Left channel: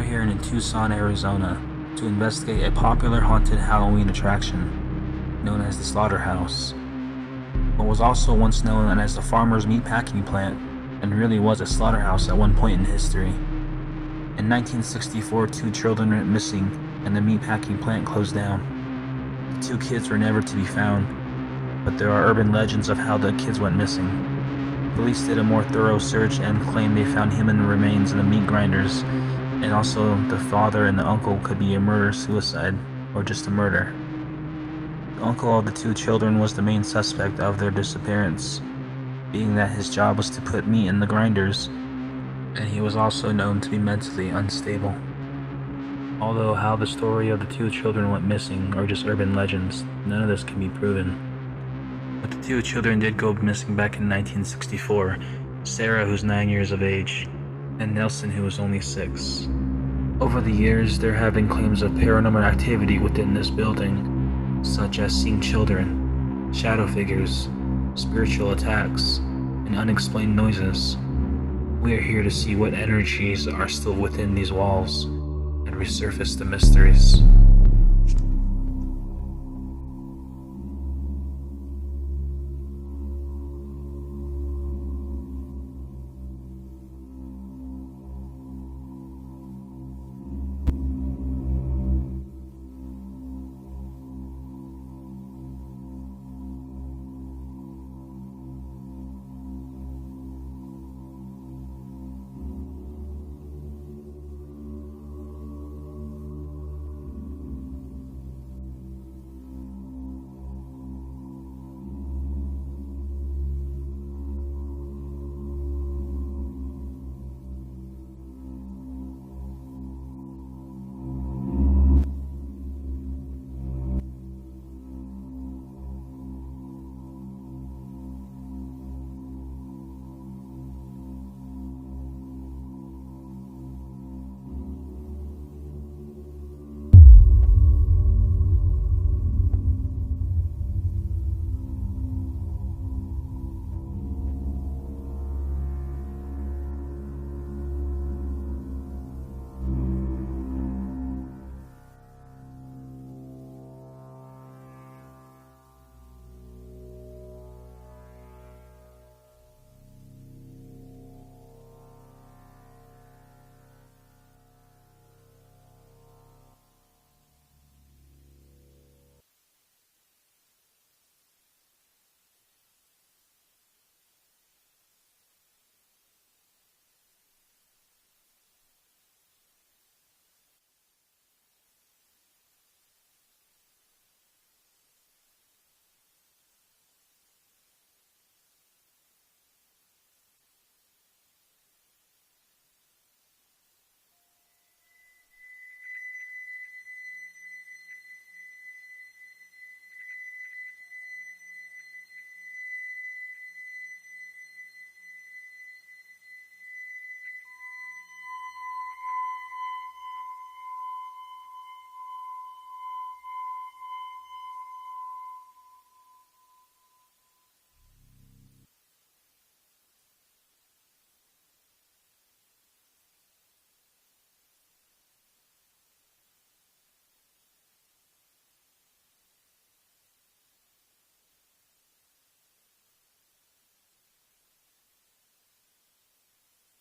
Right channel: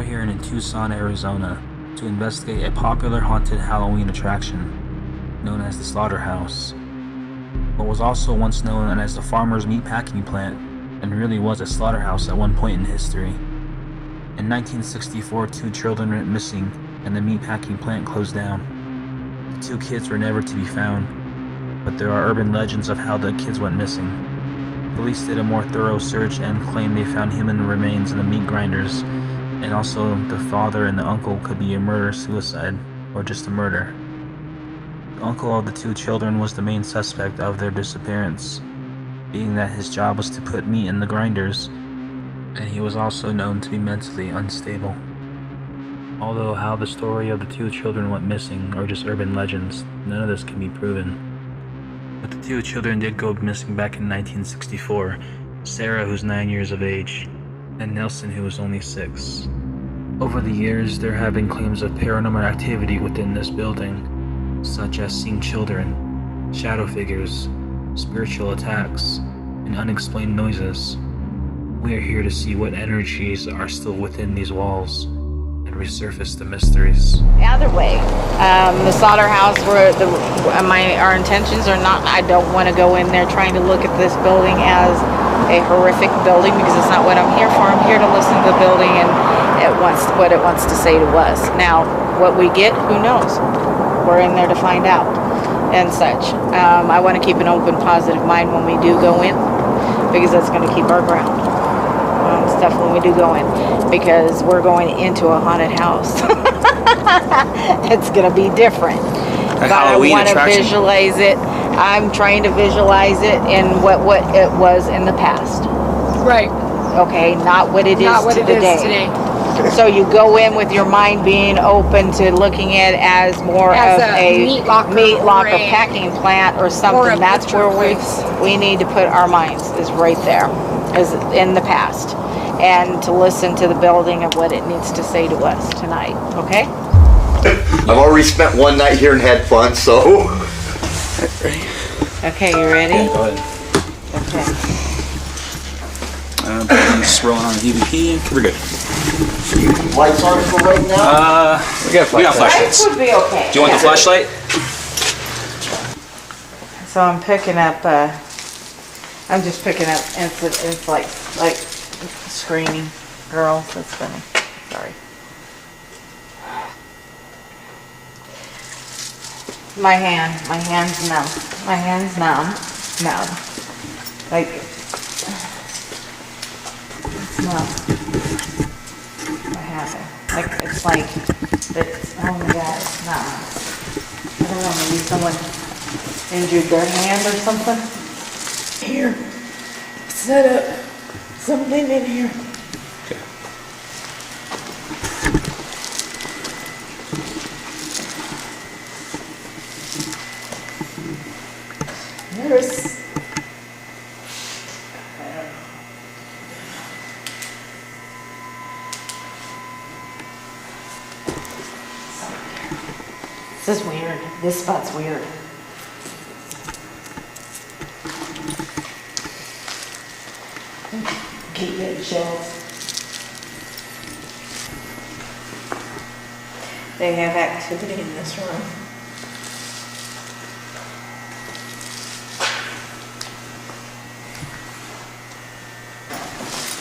We are here in Tucson, Arizona to investigate a popular haunted Halloween attraction known as the Slaughterhouse. What was also once known as the farmer's meatpacking plant and really was a slaughterhouse at one point in history. In 1964, 2 children went missing and the meatpacking plant closed down. The 2 kids were never to be found, but there are urban legends of how the kids went missing. Police did a more thorough search and claimed they found human remains in the meat grinders, and also the father and the uncle could be a murder-suicide or just a murder. The uncle of the 2 children was the main suspect of their disappearance, being that his job was to put meat in the grinders, and he was also known to be mentally unstable. Although how the story of the 2 children went missing are just urban legends, none of this can be proven. But the 2 children did go missing back in 1964, Sarah, who's 9 years of age, and Nelson, who was only 6. Over the years, there have been claims of paranormal activity within this building, such as seeing children, shadow figures, spiritual attacks, and unexplained noises. We are here to see what energies are still within these walls and resurface the mysteries. Either way, the slaughterhouse, our intentions are not, I don't want to go in there trying to look at this building as a horrific building, because it's not what I'm here for. I'm here to listen to the building and what it wants to say to us. Now, what we get, who knows? We're in there to find out and such. I want to keep an open, positive mind when we do go in, because that's going to keep our ground. Stuff when we do go in, because we're going into a haunted house. It's going to be different. But I want to visualize it. I'm trying to visualize it in what it was in the past. Right. Okay, not what it is today. So you go in with your mind being open to looking at it as more of a meat locker packing plant or something. That's where we need to put our minds, is right there, is in the past, and to listen to the building and what it needs to say to us tonight. Okay? I've already spent one night here and had fun, so. Okay, you ready? Yeah, go ahead. Okay. Just rolling on the EVP. We're good. Lights on for right now? We got flashlights. Lights would be okay. Do you want the flashlight? So I'm picking up, I'm just picking up, and it's like screaming. Girls, that's funny. Sorry. My hand's numb. My hand's numb. Like, it's numb. What happened? Like, it's like, oh my God, it's numb. I don't know, maybe someone injured their hand or something? Here, set up something in here. There's, this is weird. This spot's weird. Keep getting chills. They have activity in this room.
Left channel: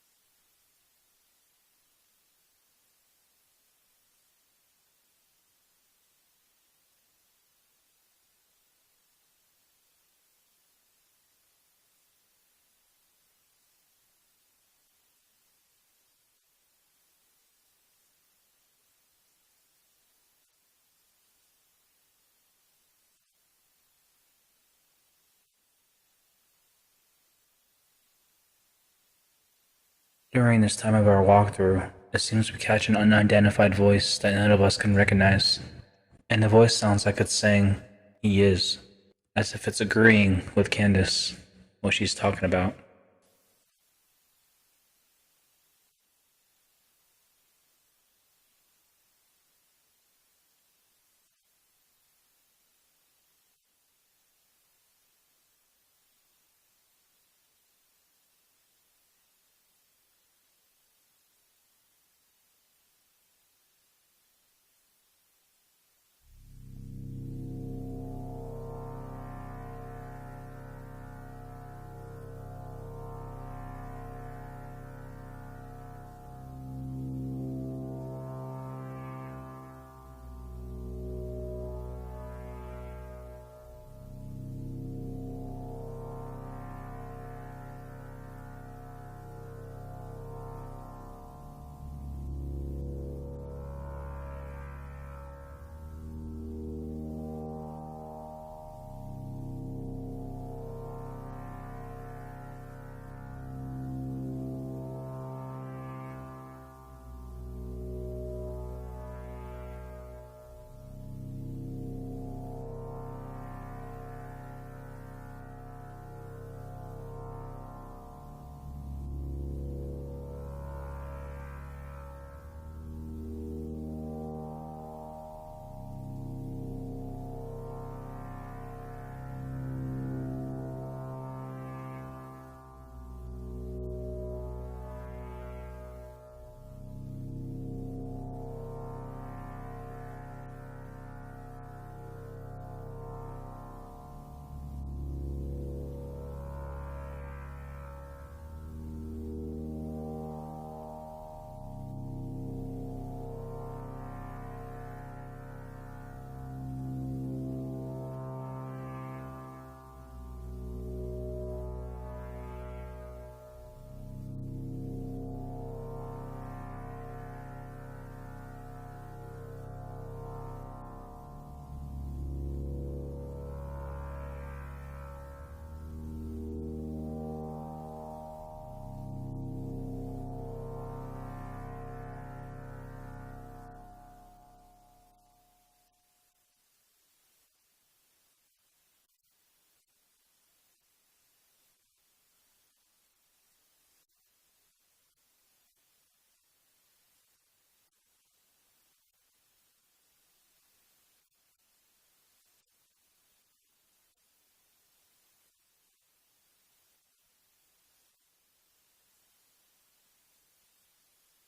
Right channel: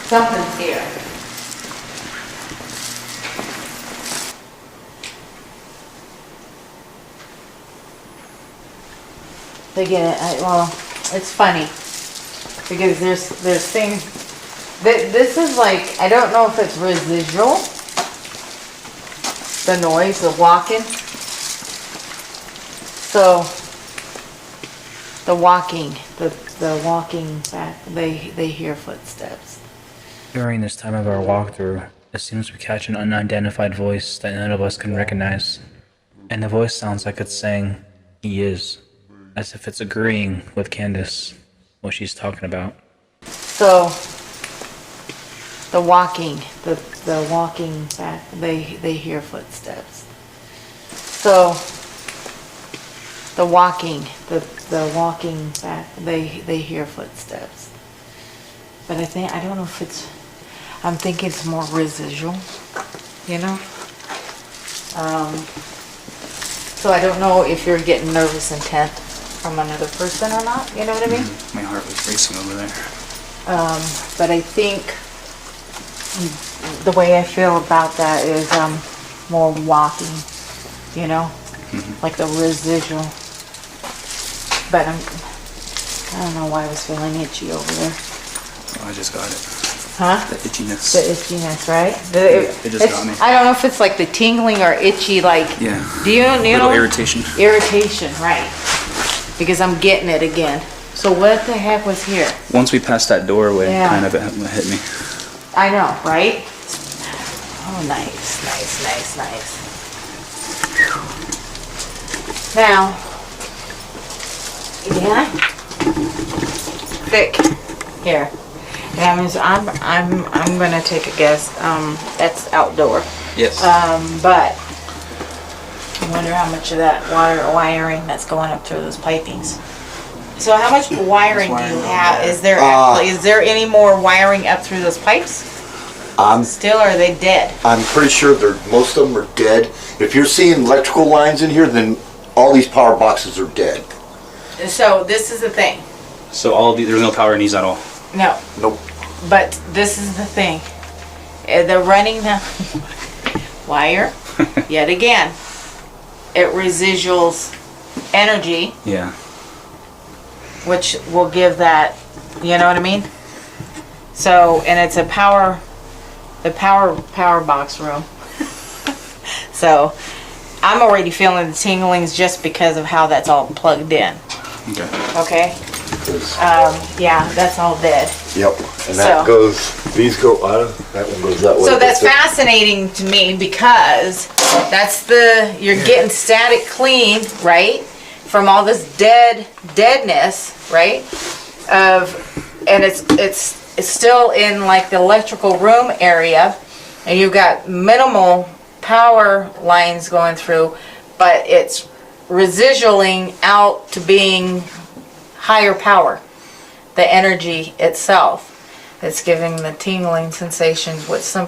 Something's here. They get it. Well, it's funny because there's things. This is like, I don't know if it's residual. The noise, the walking. So the walking back. They hear footsteps. During this time of our walkthrough, it seems we catch an unidentified voice that none of us can recognize. And the voice sounds like it's saying, "He is," as if it's agreeing with Candace, what she's talking about. So, the walking back, they hear footsteps. So, the walking back, they hear footsteps. But I don't know if I'm thinking it's more residual. you know? So I don't know if you're getting nervous intent from another person or not, you know what I mean? My heart was racing over there. But I think the way I feel about that is more walking, you know? Like the residual. But I don't know why I was feeling itchy over there. Oh, I just got it. Huh? The itchiness. The itchiness, right? It just got me. I don't know if it's like the tingling or itchy, like. Yeah. Do you know? Little irritation. Irritation, right? Because I'm getting it again. So what the heck was here? Once we passed that doorway, Yeah. kind of it hit me. I know, right? Oh, nice, nice, nice, nice. Now, yeah, thick here. That means I'm gonna take a guess. That's outdoor. Yes. But I wonder how much of that wiring that's going up through those pipings. So how much wiring do you have? Is there is there any more wiring up through those pipes? Still, or are they dead? I'm pretty sure most of them are dead. If you're seeing electrical lines in here, then all these power boxes are dead. So this is the thing. So all of these, there's no power in these at all. No. Nope. But this is the thing. They're running the wire. Yet again, it residuals energy, Yeah. which will give that, you know what I mean? So, and it's the power box room. So, I'm already feeling the tinglings just because of how that's all plugged in. Okay. Okay? Yeah, that's all dead. Yep. And that goes, these go, that one goes that way. So that's fascinating to me because that's you're getting static clean, right? From all this deadness, right? And it's still in like the electrical room area, and you've got minimal power lines going through, but it's residualing out to being higher power, the energy itself. It's giving the tingling sensations, which some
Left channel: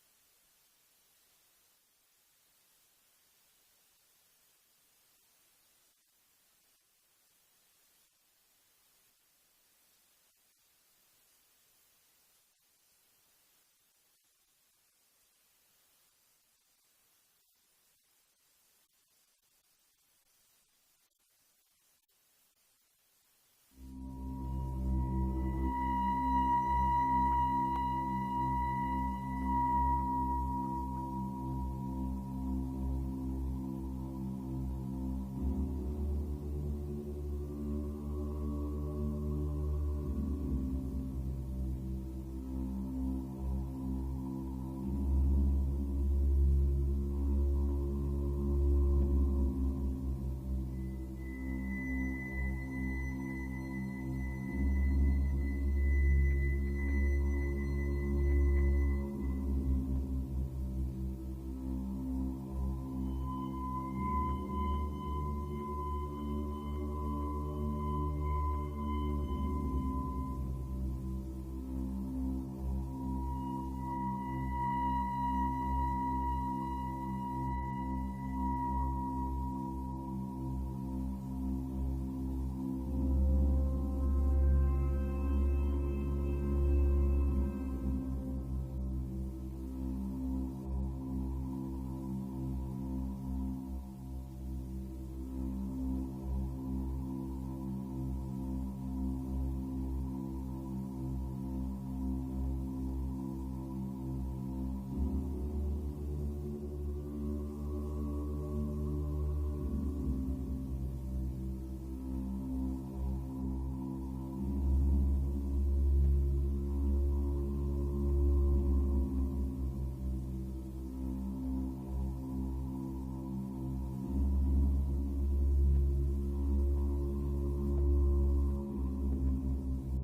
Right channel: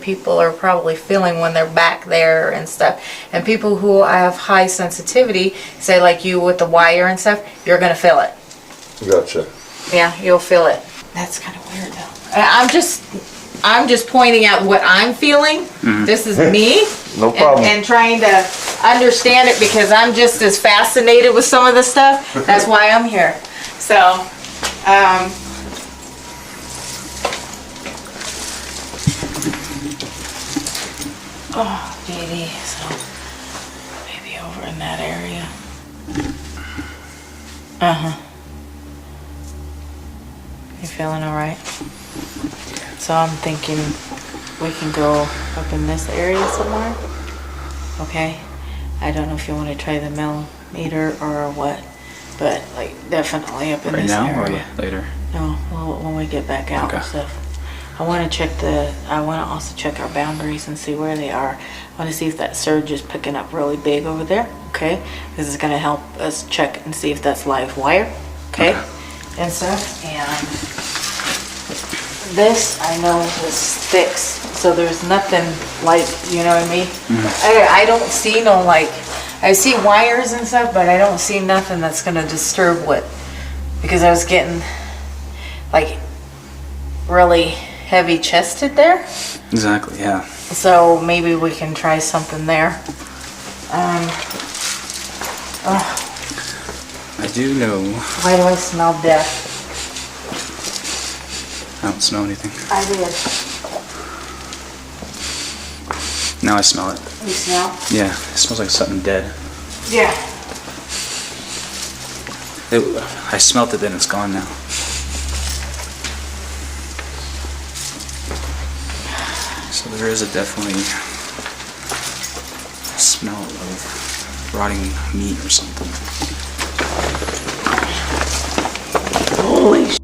people are probably feeling when they're back there and stuff. And people who have high sensitivity, say like you with the wire and stuff, you're gonna feel it. Gotcha. Yeah, you'll feel it. That's kind of weird though. I'm just pointing out what I'm feeling. This is me. No problem. And trying to understand it because I'm just as fascinated with some of this stuff. That's why I'm here. So, oh, beauty. So, maybe over in that area. You feeling all right? So I'm thinking we can go up in this area somewhere. Okay. I don't know if you want to try the millimeter or what, but like definitely up in Right this now area. or later? No, when we get back out and stuff. I want to also check our boundaries and see where they are. I want to see if that surge is picking up really big over there. Okay. This is going to help us check and see if that's live wire. Okay. And stuff. And this I know is fixed, so there's nothing like, you know what I mean? I don't see no like, I see wires and stuff, but I don't see nothing that's gonna disturb what, because I was getting like really heavy chested there. Exactly, yeah. So maybe we can try something there. I do know. Why do I smell death? I don't smell anything. I did. Now I smell it. You smell? Yeah, it smells like something dead. Yeah. I smelt it, then it's gone now. So there is definitely a smell of rotting meat or something. Holy sh**.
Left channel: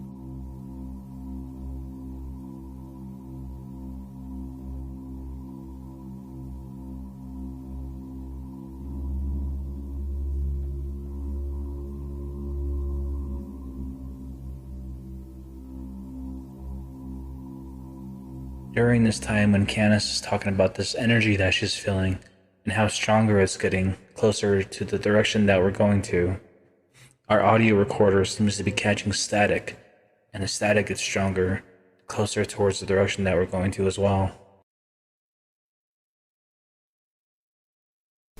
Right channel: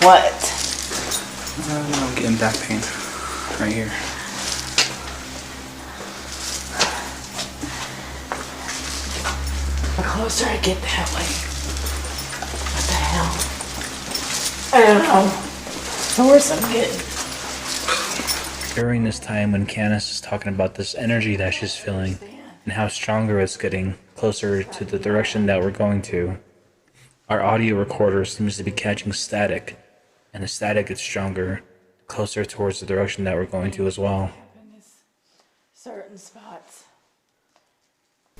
What? I'm getting back pain right here. closer I get that way. What the hell? I don't know. The worse I'm getting. During this time when Candace is talking about this energy that she's feeling and how stronger it's getting closer to the direction that we're going to, our audio recorder seems to be catching static, and the static gets stronger, closer towards the direction that we're going to as well. Certain spots.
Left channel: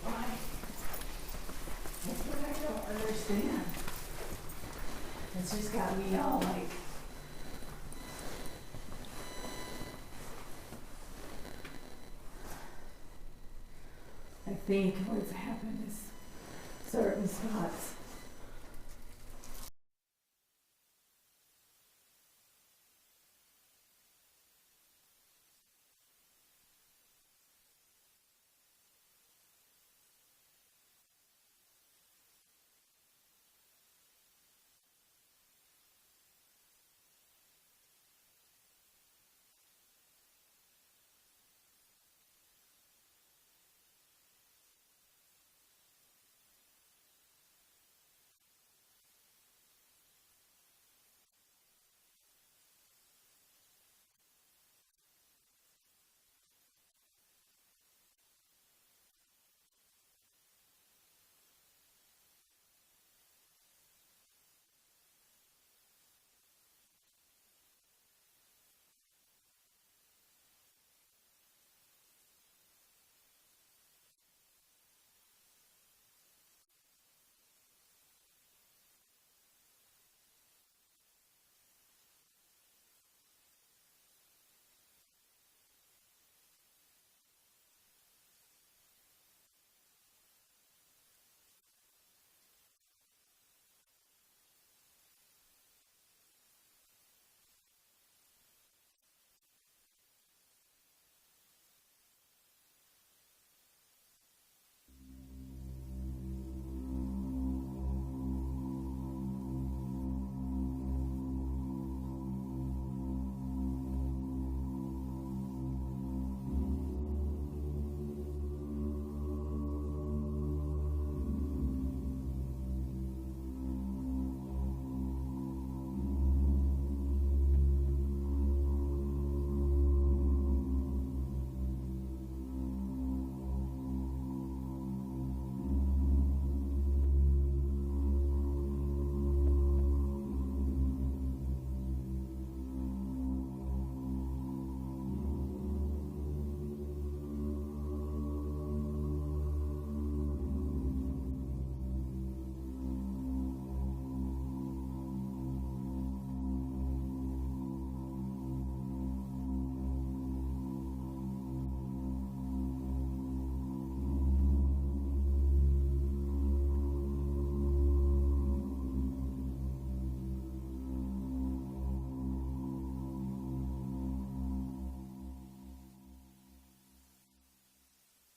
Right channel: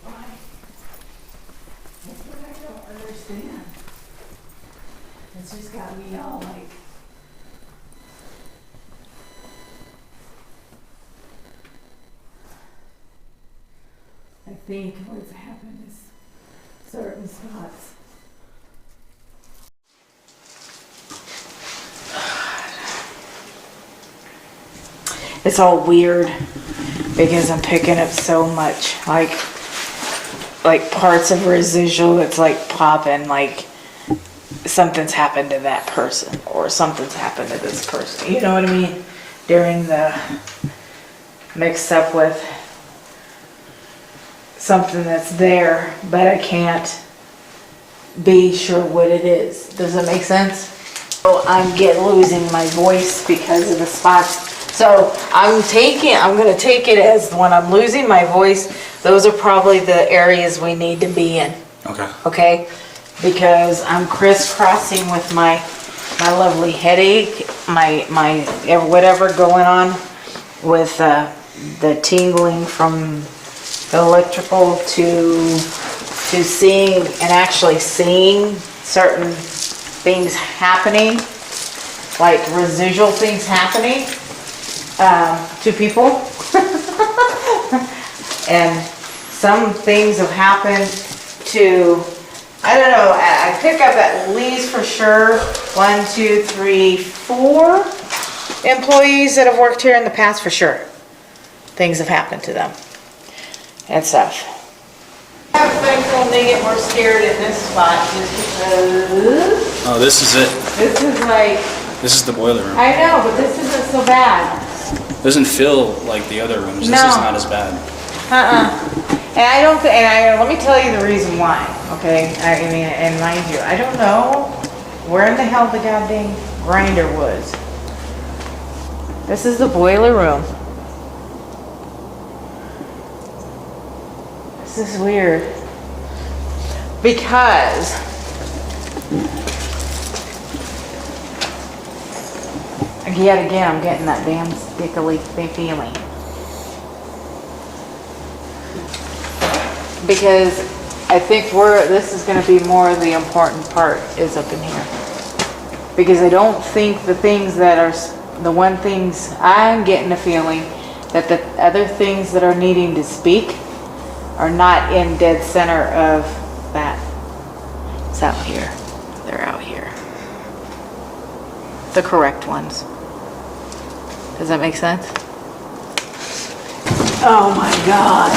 Why? That's what I don't understand. It's just got me all like... I think what's happened is certain spots. It's all weird because I'm picking up so much, like parts of residual. It's like popping, like something's happened to that person or something's happened to this person. You know what I mean? During the mixed up with something that's there, but I can't be sure what it is. Does that make sense? So I'm losing my voice because of the spots. So I'm gonna take it as when I'm losing my voice, those are probably the areas we need to be in. Okay. Okay? Because I'm crisscrossing with my lovely headache, my whatever going on with the tingling from the electrical to seeing and actually seeing certain things happening, like residual things happening to people. And some things have happened to, I don't know, I pick up at least for sure 1, 2, 3, 4 employees that have worked here in the past for sure. Things have happened to them and stuff. I'm thankful they get more scared in this spot just because. Oh, this is it. This is like. This is the boiler room. I know, but this isn't so bad. Doesn't feel like the other rooms. No. This is not as bad. And I don't think, and let me tell you the reason why, okay? I mean, and mind you, I don't know where in the hell the goddamn grinder was. This is the boiler room. This is weird. Because yet again, I'm getting that damn stickily feeling. Because I think this is going to be more of the important part is up in here. Because I don't think the things that are, the one things I'm getting a feeling that the other things that are needing to speak are not in dead center of that. It's out here. They're out here. The correct ones. Does that make sense? Oh my God.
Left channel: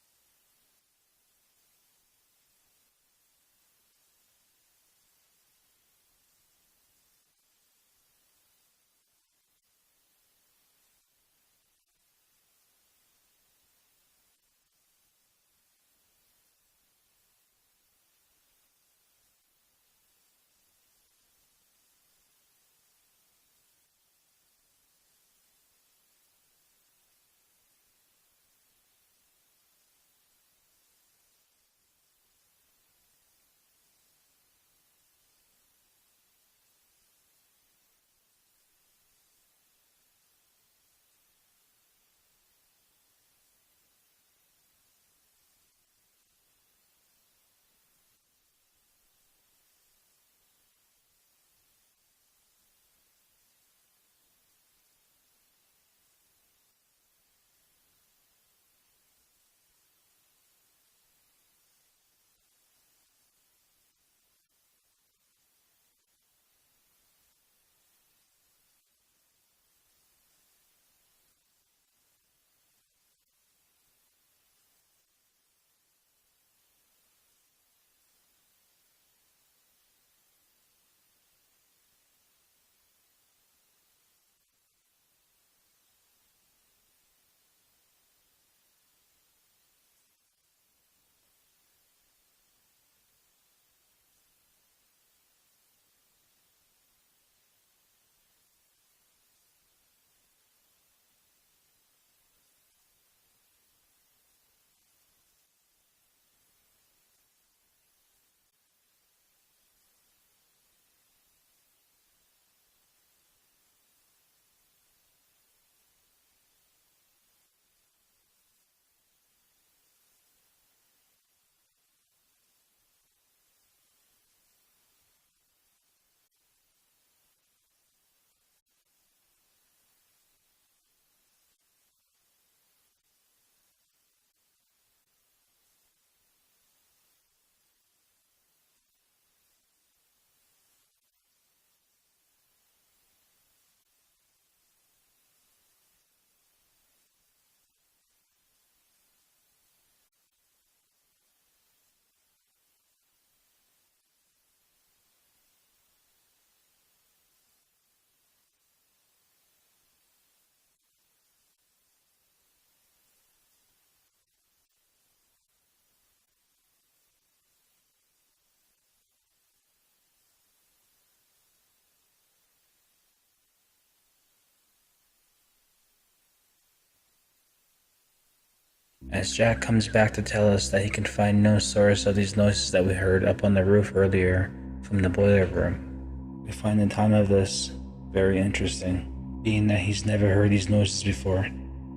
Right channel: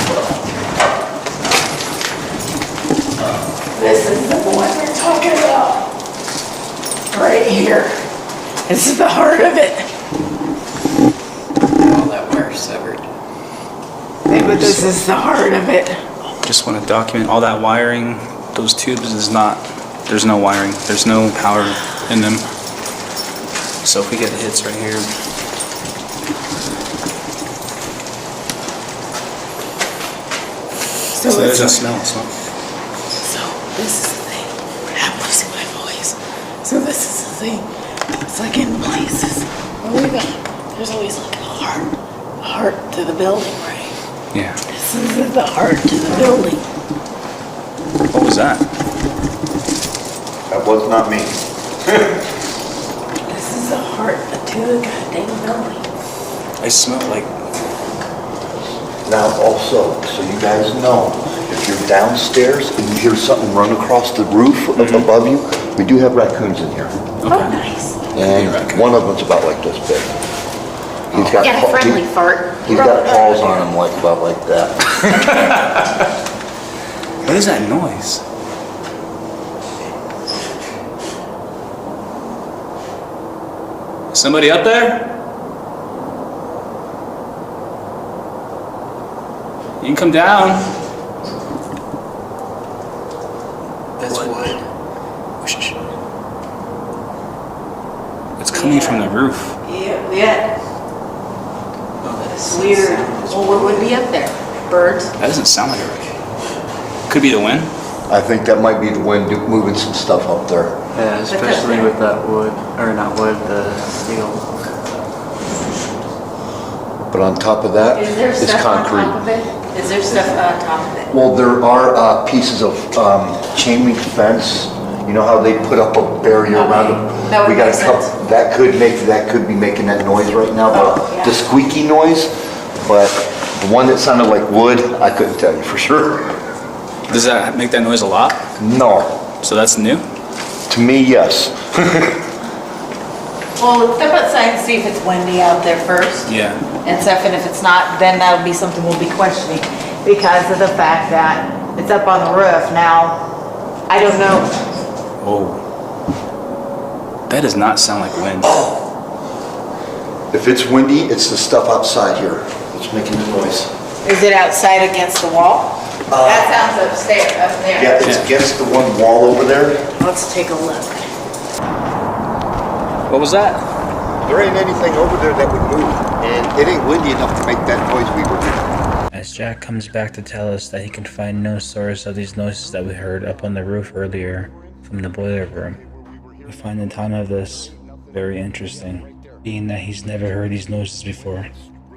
This is the one we're talking about. Right here. This is the heart of it. All that wire severed. Yeah, but this is the heart of it. Just want to document all that wiring. Those tubes is not, there's no wiring. There's no power in them. So if we get the hits right here. So there's a smell. So this is the thing. I'm losing my voice. So this is the thing. It's like in places. There's always like a heart to the building, right? Yeah. This is the heart to the building. What was that? That was not me. This is the heart to the goddamn building. I smell like. Now also, so you guys know, if you're downstairs and you hear something run across the roof above you, we do have raccoons in here. Oh, nice. And one of them's about like this big. He's got Got a friendly fart. He's got paws on him like about like that. What is that noise? Somebody up there? You can come down. That's wood. Shh. It's coming from the roof. Yeah. Oh, It's weird. Well, what would be up there? Birds? That doesn't sound like a roof. Could be the wind. I think that might be the wind moving some stuff up there. Yeah, especially with that wood, or not wood, the steel. But on top of that Is there is stuff concrete. on top of it? Is there stuff on top of it? Well, there are pieces of chain link fence. You know how they put up a barrier around them? That would We got make a couple. sense. That could be making that noise right now, Oh, yeah. the squeaky noise. But the one that sounded like wood, I couldn't tell you for sure. Does that make that noise a lot? No, So that's new? to me, yes. Well, step outside and see if it's windy out there first. Yeah. And stuff, and if it's not, then that'll be something we'll be questioning because of the fact that it's up on the roof. Now, I don't know. Whoa. That does not sound like wind. If it's windy, it's the stuff outside here that's making the noise. Is it outside against the wall? That sounds upstairs, up there. Yeah, it's against the one wall over there. Let's take a look. What was that? There ain't anything over there that would move, and it ain't windy enough to make that noise we were hearing. As Jack comes back to tell us that he can find no source of these noises that we heard up on the roof earlier from the boiler room, we find the time of this very interesting, being that he's never heard these noises before,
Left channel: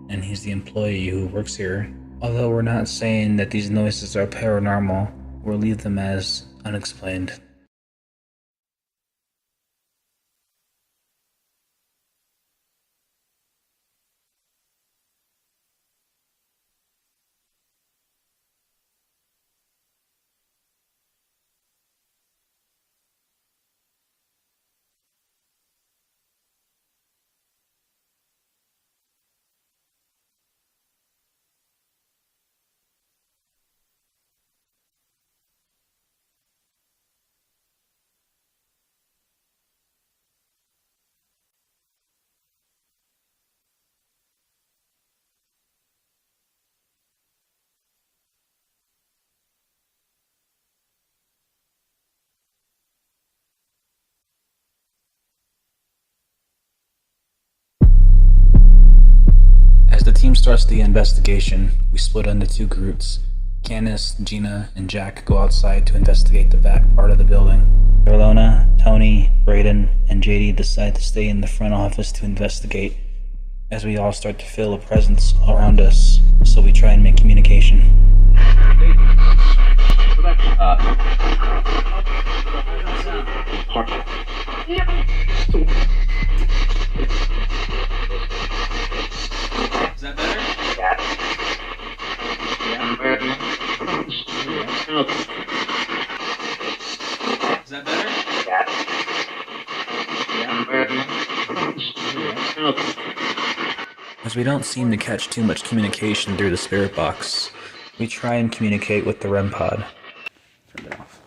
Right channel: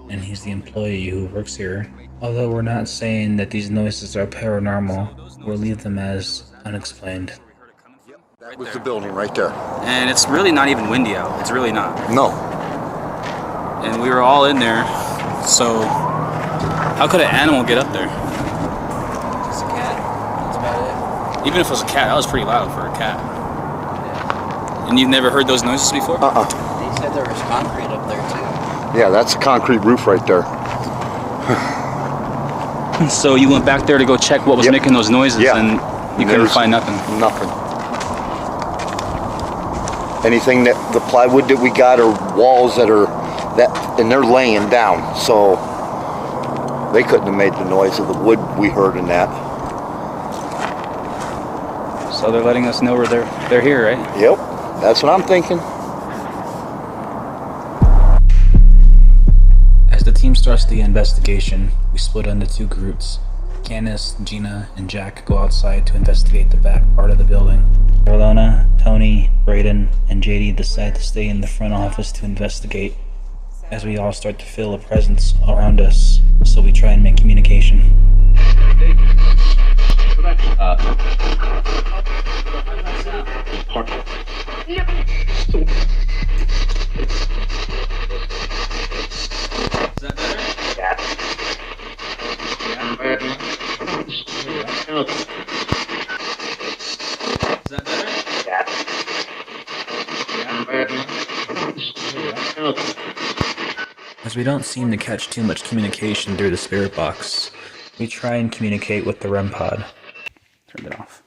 and he's the employee who works here. Although we're not saying that these noises are paranormal, we'll leave them as unexplained. That was the building right there. And it's really not even windy out. It's really not. No. And we were all in there, so how could an animal get up there? It's a cat. That's about it. Even if it was a cat, that was pretty loud for a cat. And you've never heard those noises before? They said there was concrete up there too. Yeah, that's a concrete roof right there. So you went back there to go check what was Yep. making those noises, Yeah. and you couldn't find nothing. Nothing. Anything that the plywood that we got are walls that are and they're laying down, so they couldn't have made the noise of the wood we heard in that. So they're letting us know they're here, right? Yep, that's what I'm thinking. As the team starts the investigation, we split into two groups. Candace, Gina, and Jack go outside to investigate the back part of the building. Ilona, Tony, Braden, and JD decide to stay in the front office to investigate, as we all start to feel a presence around us, so we try and make communication. Is that better? Is that better? As we don't seem to catch too much communication through the spirit box, we try and communicate with the REM pod. Turn it off.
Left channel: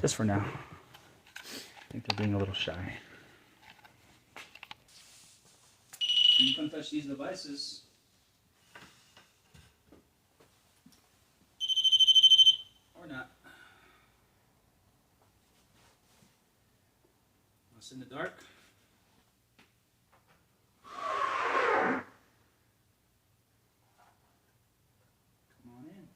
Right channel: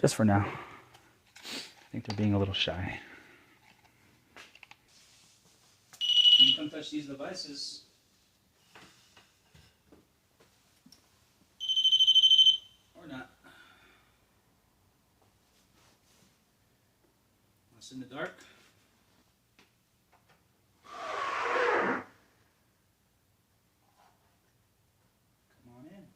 Just for now. I think they're being a little shy. You can come touch these devices. Or not. Want to sit in the dark? Come on in.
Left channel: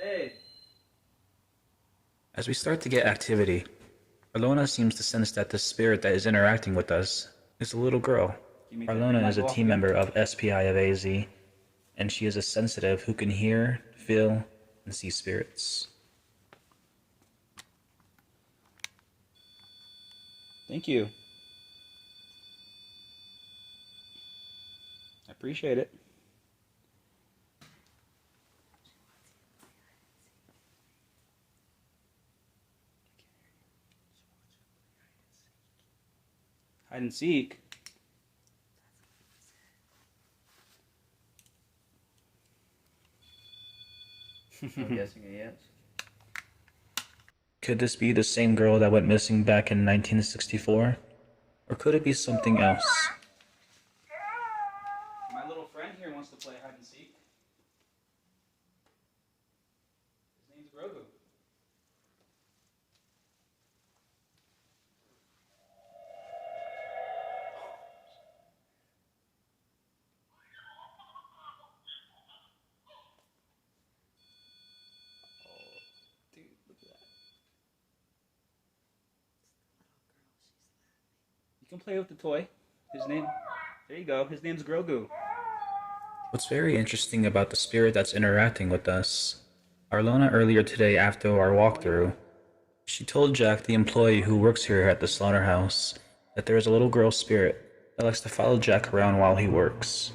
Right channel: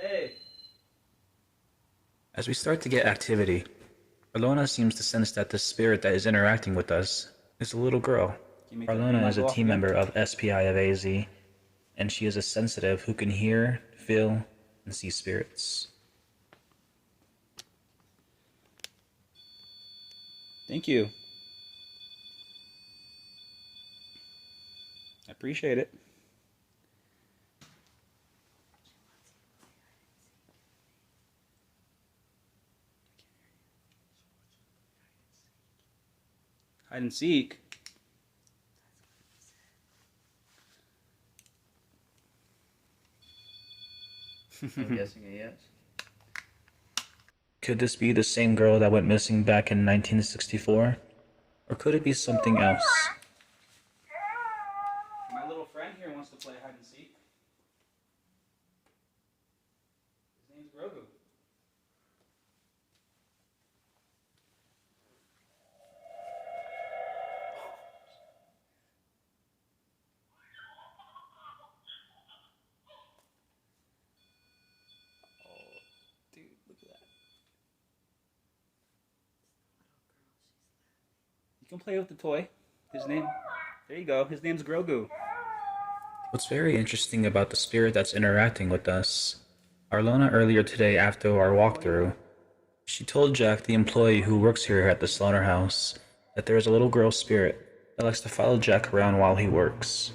Hey. As we start to get activity, Ilona seems to sense that the spirit that is interacting with us is a little girl. Ilona is a team member of SPI of AZ, and she is a sensitive who can hear, feel, and see spirits. Thank you. I appreciate it. Hide and seek. I'm guessing a yes. Could this be the same girl that went missing back in 1964? Or could it be something else? My little friend here wants to play hide and seek. His name's Grogu. Dude, look at that. You can play with the toy. There you go. His name's Grogu. What's very interesting about the spirit that's interacting with us, Arlona earlier today after our walkthrough, she told Jack, the employee who works here at the slaughterhouse, that there is a little girl spirit that likes to follow Jack around while he works.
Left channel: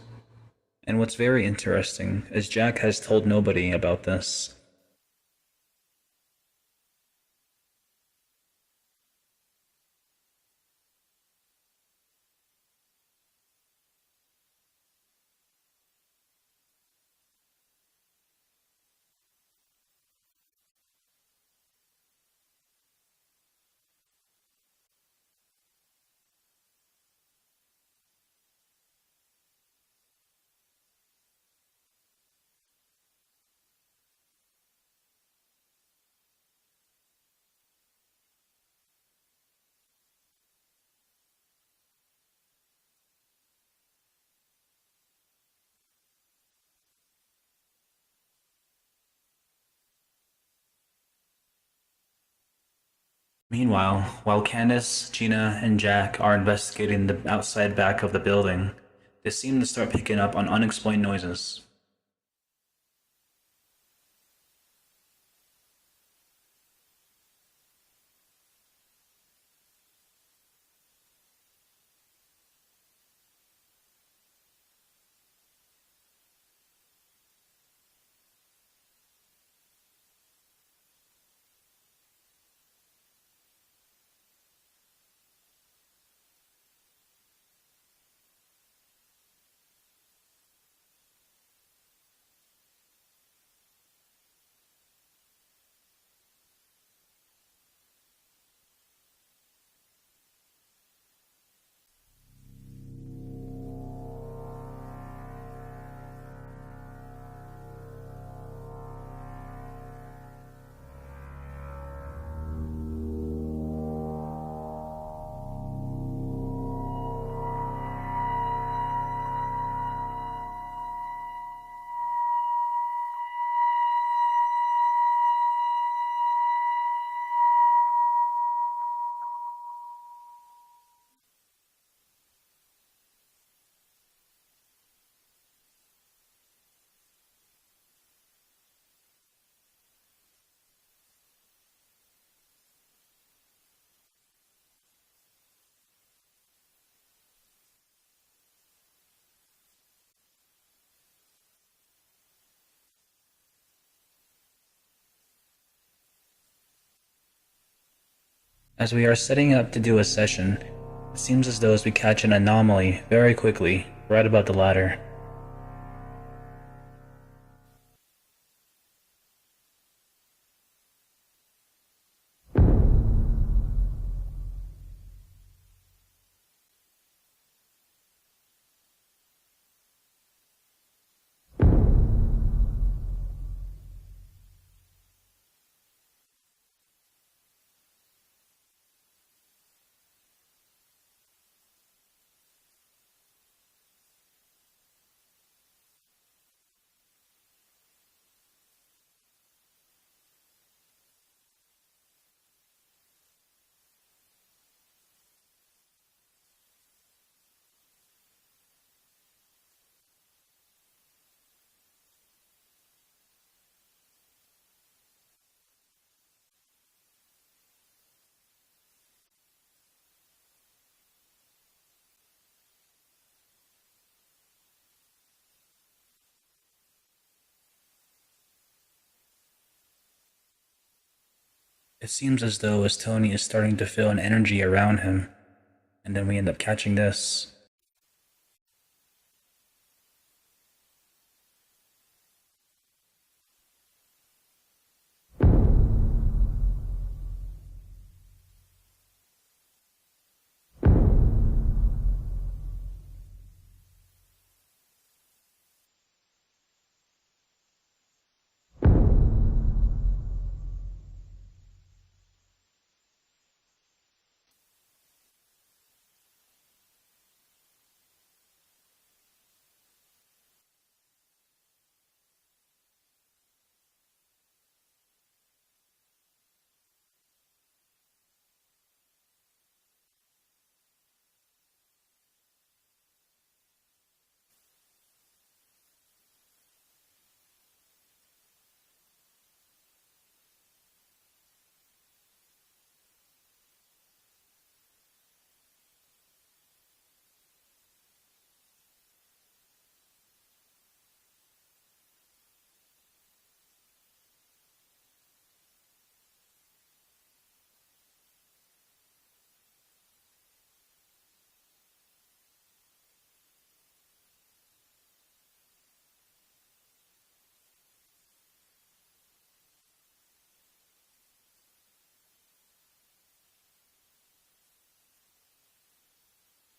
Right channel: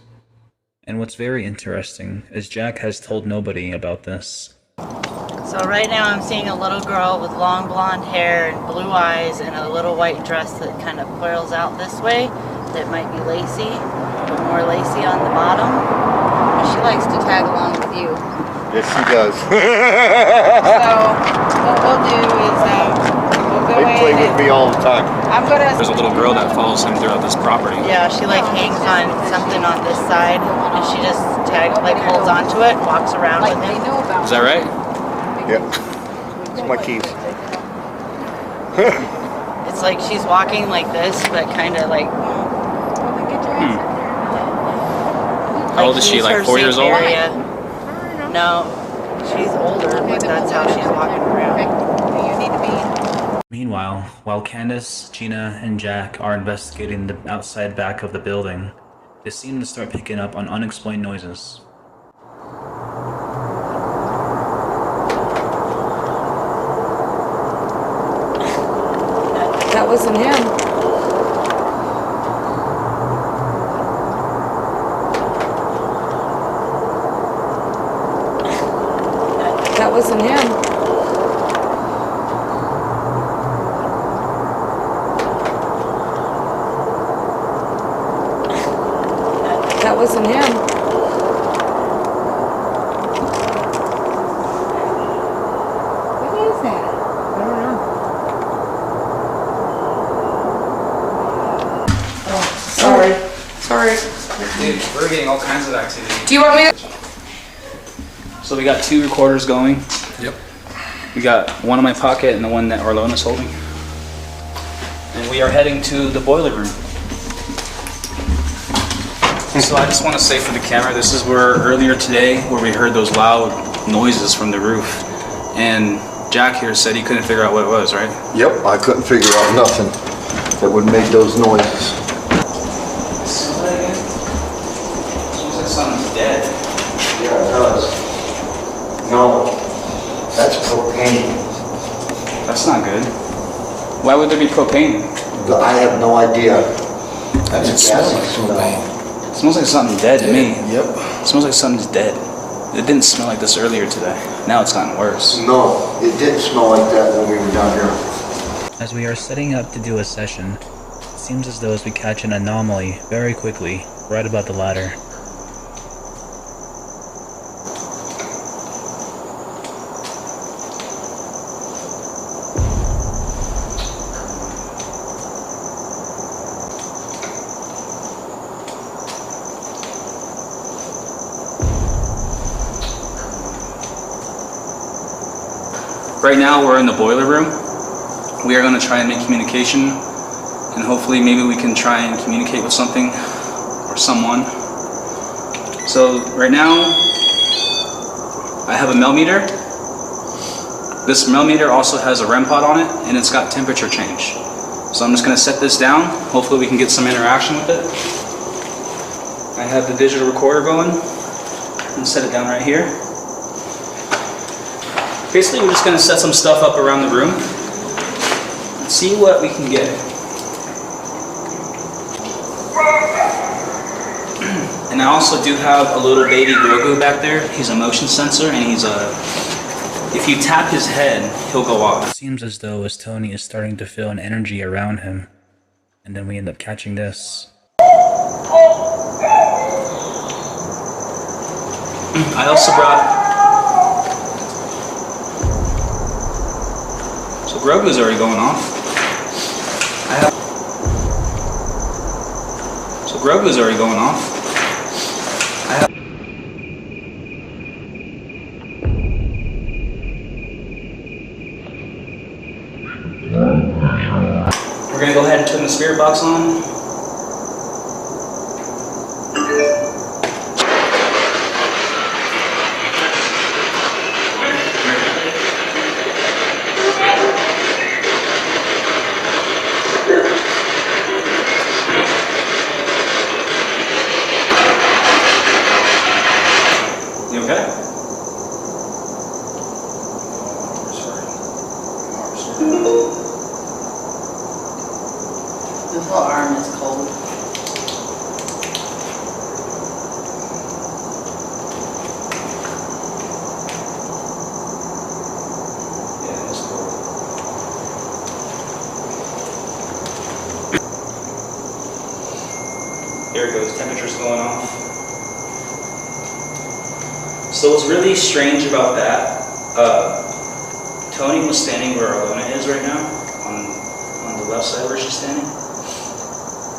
And what's very interesting is Jack has told nobody about this. So right now I'm seeing a little girl with long blonde hair and blue eyes and a little white dress that kind of curls out this way. That might be lacy, but more lacy on the bottom. She likes to tag along with you. Yes, she does. So what we'll do is we'll go They play in with and me all the time. I'm gonna. There's a little girl that follows him throughout this property. Yeah, she like hangs on something on this side, and she just holds onto it, and walks around with him. Is that right? Yep. It's my keys. It's like she's walking like this, but kind of like. How old is she? Like 4 years old? Area. No, she's older, but that's how she's walking around. You need to be. Meanwhile, while Candace, Gina, and Jack are investigating the outside back of the building, they seem to start picking up on unexplained noises. That wasn't him. That wasn't him. That wasn't him. What is that? I don't know. Oh, sorry. Dude, we're getting all kinds of activity. Do you want me to? So we got 2 recorders going. Yep. We got one in my pocket and the one that Arlona's holding. And we are heading to the boiler room. So I just want to say for the camera, this is where earlier today where we heard those loud noises from the roof. And Jack here said he couldn't figure out what it was, right? Yep, I couldn't figure out nothing that would make those noises. Smell that again? Smells like something's dead. Yeah, it does. No, that's propane. That's not good. Why would there be propane? I have no idea. That It's smells gassy like smell. propane. It smells like something dead to me. Yep. It smells like something's dead. It didn't smell like this earlier today. Now it's gotten worse. No, it didn't smell like that when we were down here. As we are setting up to do a session, it seems as though as we catch an anomaly very quickly, right above the ladder. Right now we're in the boiler room. We are going to try and make communication, and hopefully maybe we can try and communicate with something or someone. So right now I have a millimeter. This millimeter also has a REM pod on it, and it's got temperature change. So I'm just going to set this down. Hopefully we can get some interaction with it. I have the digital recorder going and set it down right here. Basically, we're just going to set some stuff up around the room and see what we can get. And I also do have a little baby Grogu back there. He's a motion sensor, and if you tap his head, he'll go off. It seems as though as Tony is starting to feel an energy around him. And then we end up catching this. I also brought... So Grogu's already going off. So Grogu's already going off. We're gonna go ahead and turn the spirit box on. You okay? The whole arm is cold. Yeah, it's cool. There it goes, temperature's going off. So what's really strange about that, Tony was standing where Alona is right now, on the left side where she's standing.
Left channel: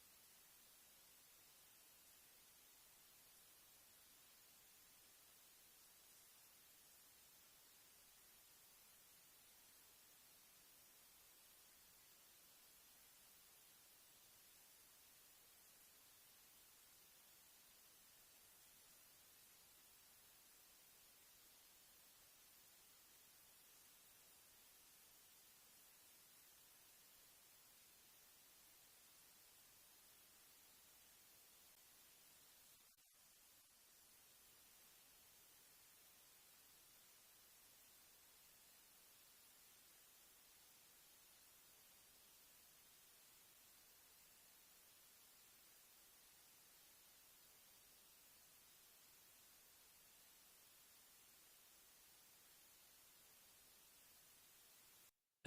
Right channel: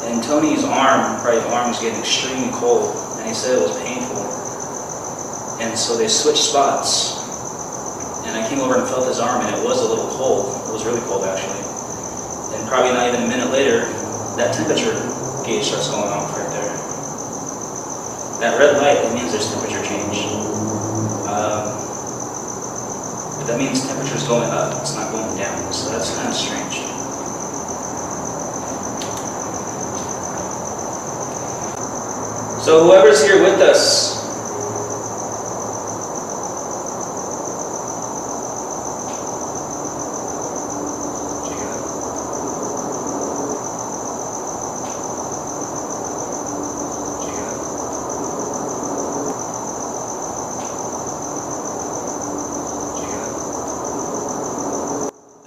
And Tony's arm, right arm was getting extremely cold, and he said it was painful. And so they switched spots. And I came over and felt his arm, and it was a little cold. It was really cold, actually. And probably not even a minute later, that temperature gauge starts going off right there. That red light, it means there's temperature change. But that means temperature's going up, it's not going down. So that's kind of strange. So whoever's here with us,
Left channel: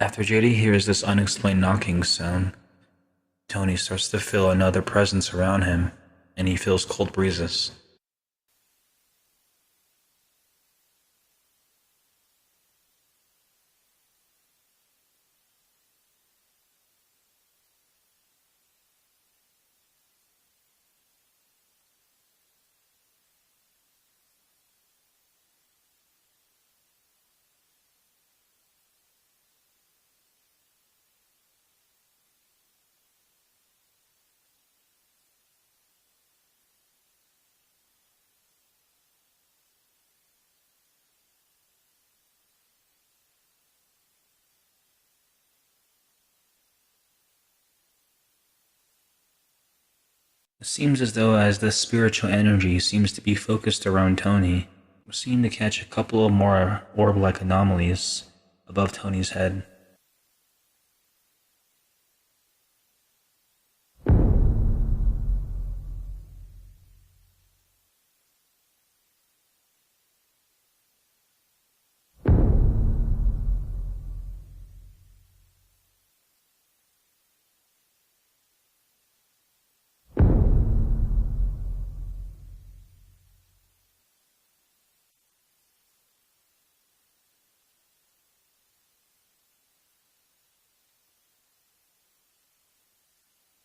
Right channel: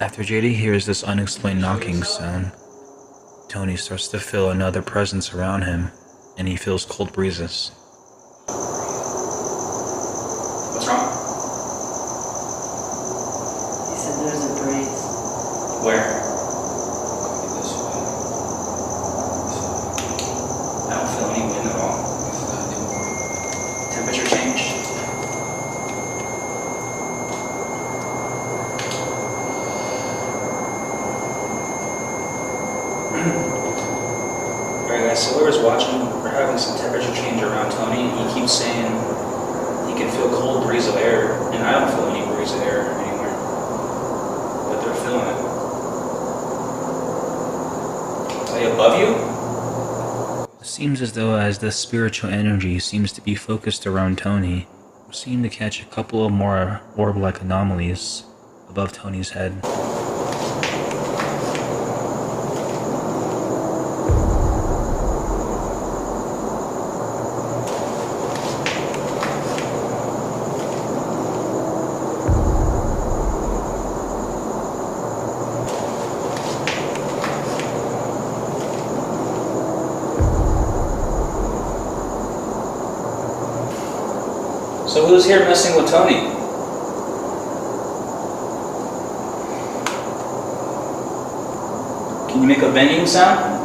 After JD hears this unexplained knocking sound, Tony starts to feel another presence around him, and he feels cold breezes. what's wrong? He said there's a breeze. Where? I don't feel any wind at all. Temperature change. Alright guys, so whoever's watching, we're having some temperature change around Tony, and he keeps saying he can feel cold breeze of air, and I don't feel any breeze of air anywhere. But they're feeling it. Are they above you? It seems as though as the spiritual energy seems to be focused around Tony, we seem to catch a couple of more orb-like anomalies above Tony's head. So who's here messing with Tony? Can you make a banging sound?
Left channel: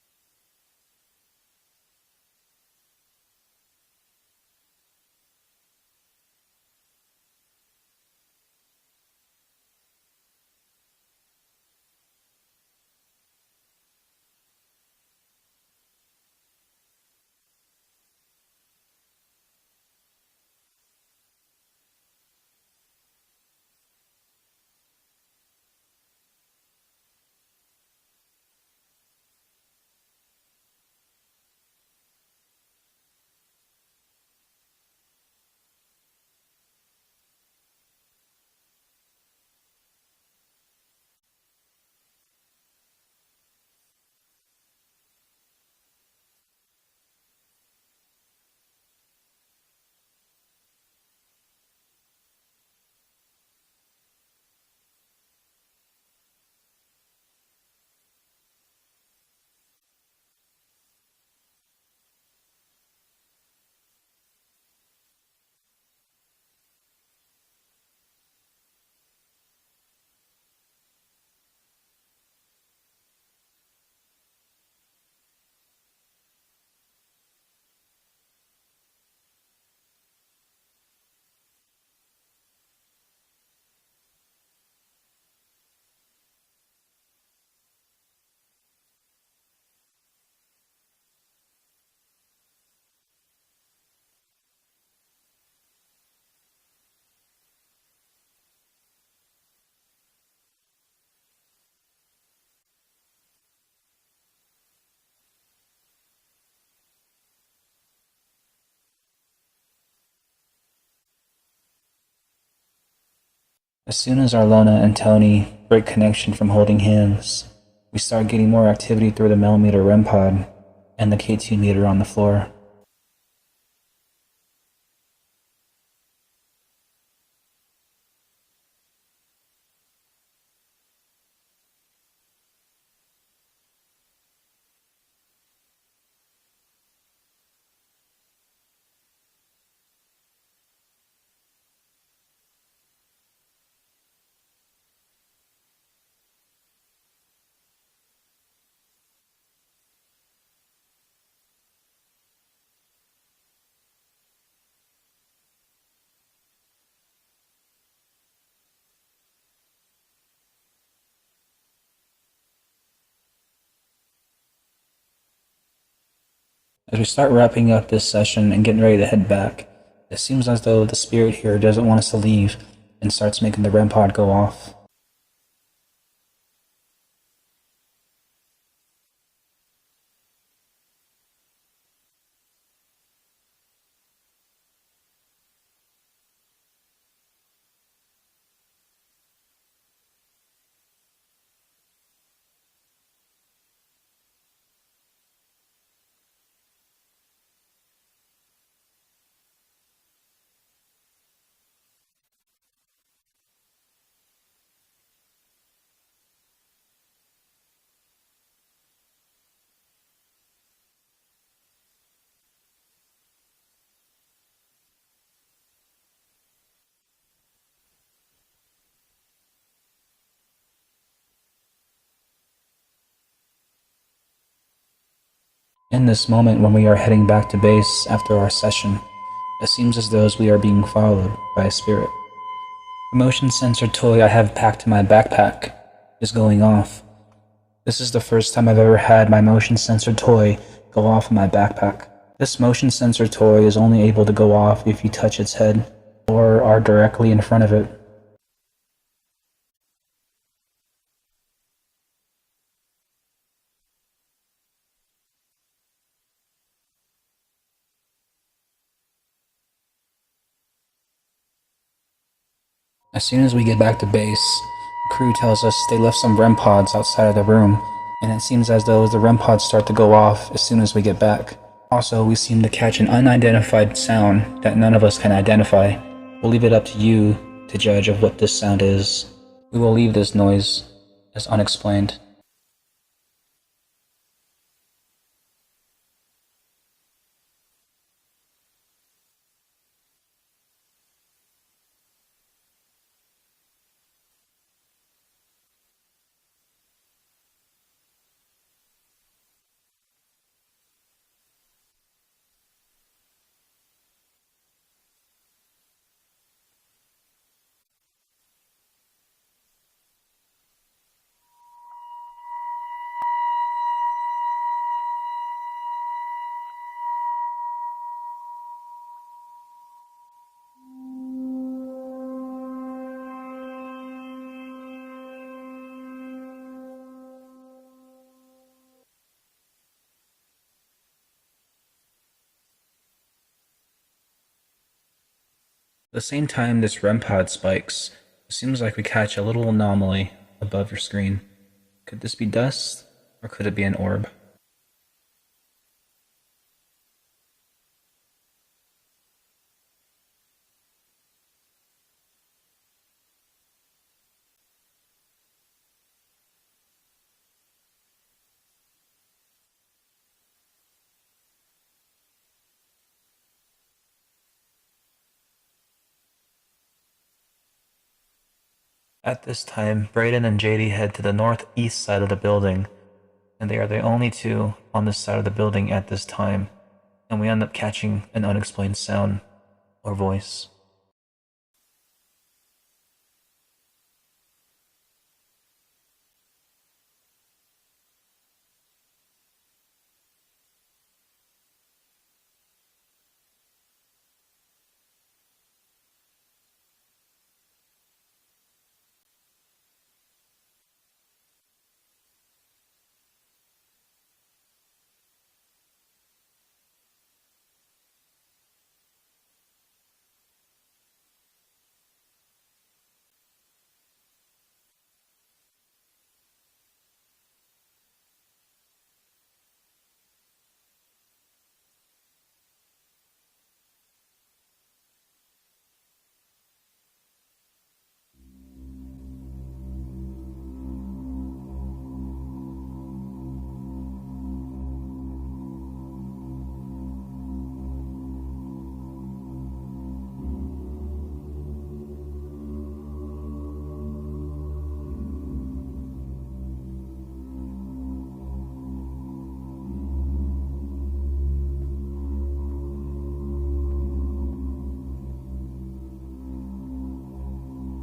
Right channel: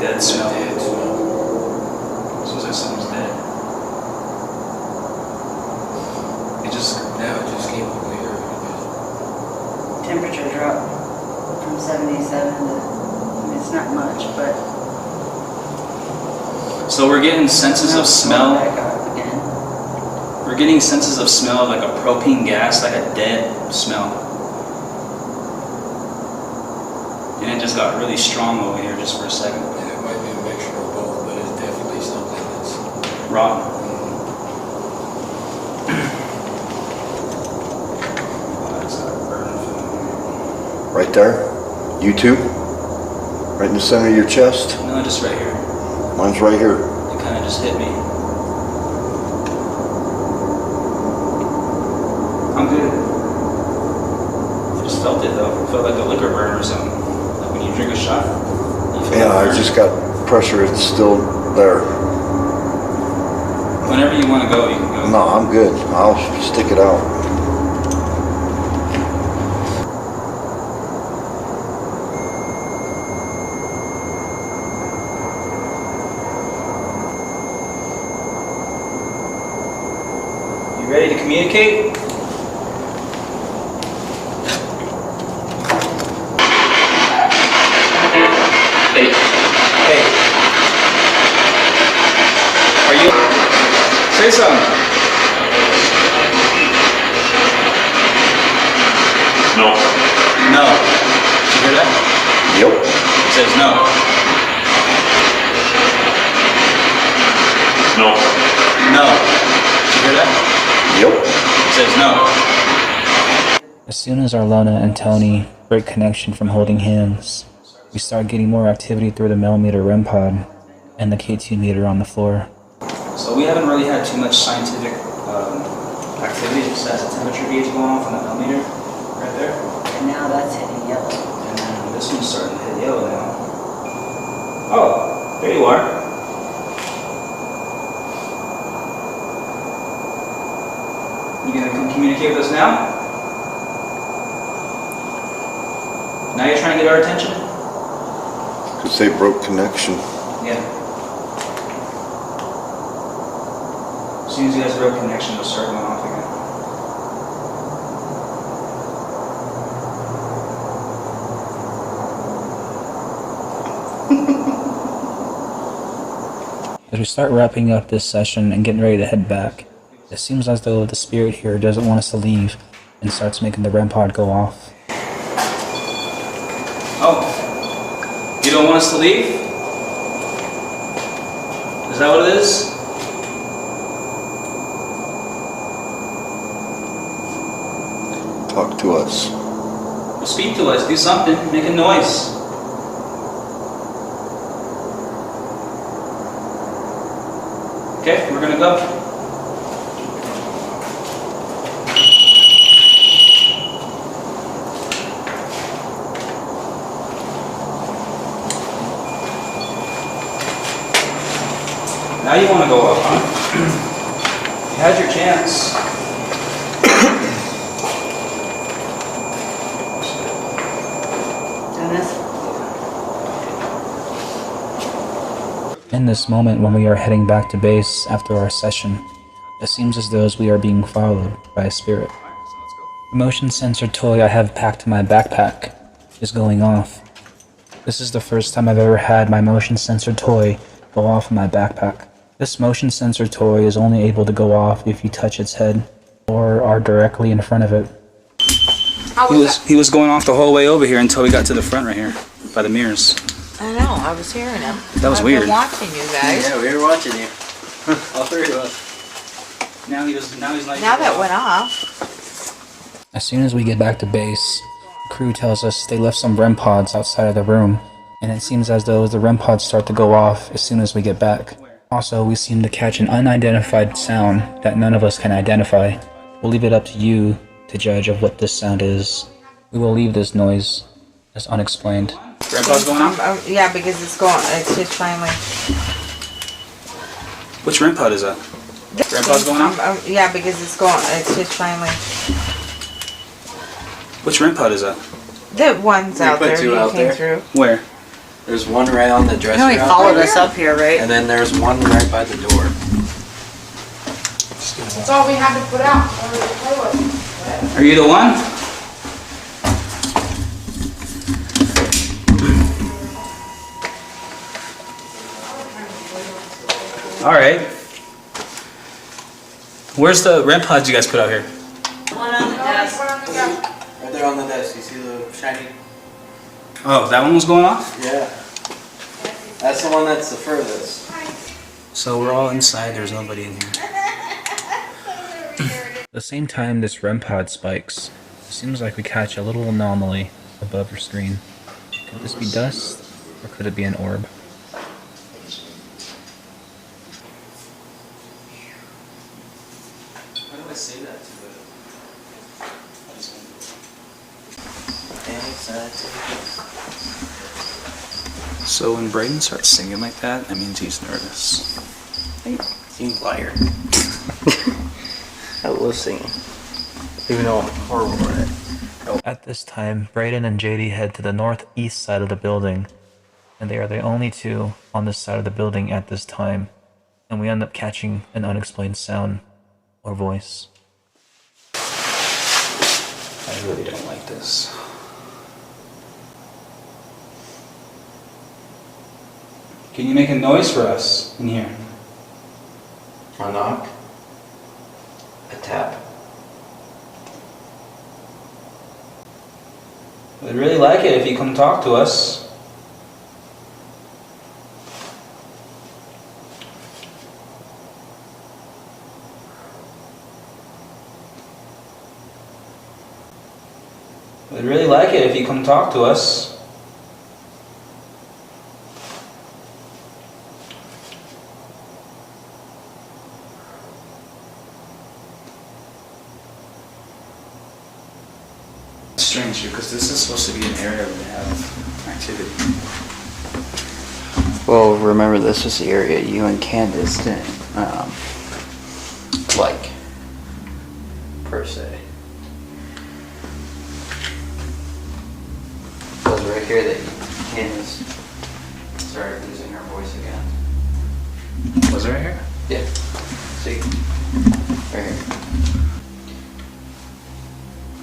Dead smell. Smells like someone's dead. It just came over here. Temperature dropped from 77 to, I mean, it's not much, but. So we're getting senses of smell. Back up again. We're getting senses of smell like a propane gas, like a dead smell. and it just got really strong over here just for a second. Yeah, it might be a mixture of both, but it's definitely something that's Rotten. Right there? You too? Right in the center of your chest? No, just right here. Mine's right here. It kind of just hit me. I'm good. I just felt it though. It felt like a liquor burn or something. Like when you drink a shot. You feel Yeah, that I burn. just got pressure. It's still there. Whenever you want to go, you can go. No, I'm good. I'll stick it out. You ready to communicate? Hey. Hey. Are you... Say something. No. No. Did you hear that? Yep. It says no. No. No. Did you hear that? Yep. It says no. As soon as Arlona and Tony break connection from holding hands, we start getting more activity through the millimeter REM pod and the K2 meter on the floor. So we haven't really had too much scientific activity besides the temperature gauge going off on the millimeter right there. And now that's hitting yellow. And then this one's starting to hit yellow now. Oh, there you are. You gonna come communicate with us now? Now you're trying to get our attention? Because they broke connection. Yeah. As soon as you guys broke connection, it'll start going off again. As we start wrapping up this session and getting ready to head back, it seems as though the spirit here doesn't want us to leave and starts making the REM pod go off. Oh, you don't want us to leave? Is that what it is? Talk to us. Well, speak to us, do something, make a noise. Okay, we're gonna go. Now you want to go up, huh? You had your chance. And this, In this moment when we are heading back to base after our session, it seems as though we are being followed by a spirit. The motion sensor toy I have packed in my backpack is going off. This is the first time I've ever had my motion sensor toy go off in my backpack. This motion sensor toy is only able to go off if you touch its head or are directly in front of it. He was going off the whole way over here until we got to the front right here by the mirrors. I know, I was hearing him. That was I've weird. been watching you guys. Yeah, we were watching you. All three of us. Now he's like. Now that went off. As soon as we get back to base, the crew tells us they left some REM pods outside of the room, and it seems as though the REM pods start to go off as soon as we get back. Also, we seem to catch an unidentified sound that none of us can identify. We'll leave it up to you to judge of what this sound is. We will leave this noise as unexplained. Grandpa's going off? Yeah, because it's just finally. Which REM pod is that? Grandpa's going off? Yeah, because it's just finally. Which REM pod is that? The ones We out put there two you out came there. through. Where? There's one right on the you dresser. know he out followed there, us up here, right? and then there's one right by the door. That's all we had to put out. Or to play with. Are you the one? Alright. Where's the REM pods you guys put out here? One on the desk. Right there on the desk. You see the shiny? Oh, that one was going off? Yeah. That's the one that's the furthest. So we're all inside, there's nobody in here. At the same time this REM pod spikes, it seems like we catch a little anomaly above your screen. Could this be dust, or could it be an orb? Why do I say that to So when Braden starts singing like that, that means he's nervous. Hey, you liar. I love singing. Even though I'm horrible at it. At this time, Braden and JD head to the northeast side of the building, and they are the only two on this side of the building at this time, and we end up catching an unexplained sound or voice. I really don't like this. Can you make a noise for us in here? A knock. A tap. We'd really like it if you come talk to us. We'd really like it if you come talk to us. It's strange because this is supposed to be an area where we have activity. Well, remember this was the area you and Candace didn't, like, per se. It was right here that Candace started losing her voice again. Was it right here? Yeah. See? Right here.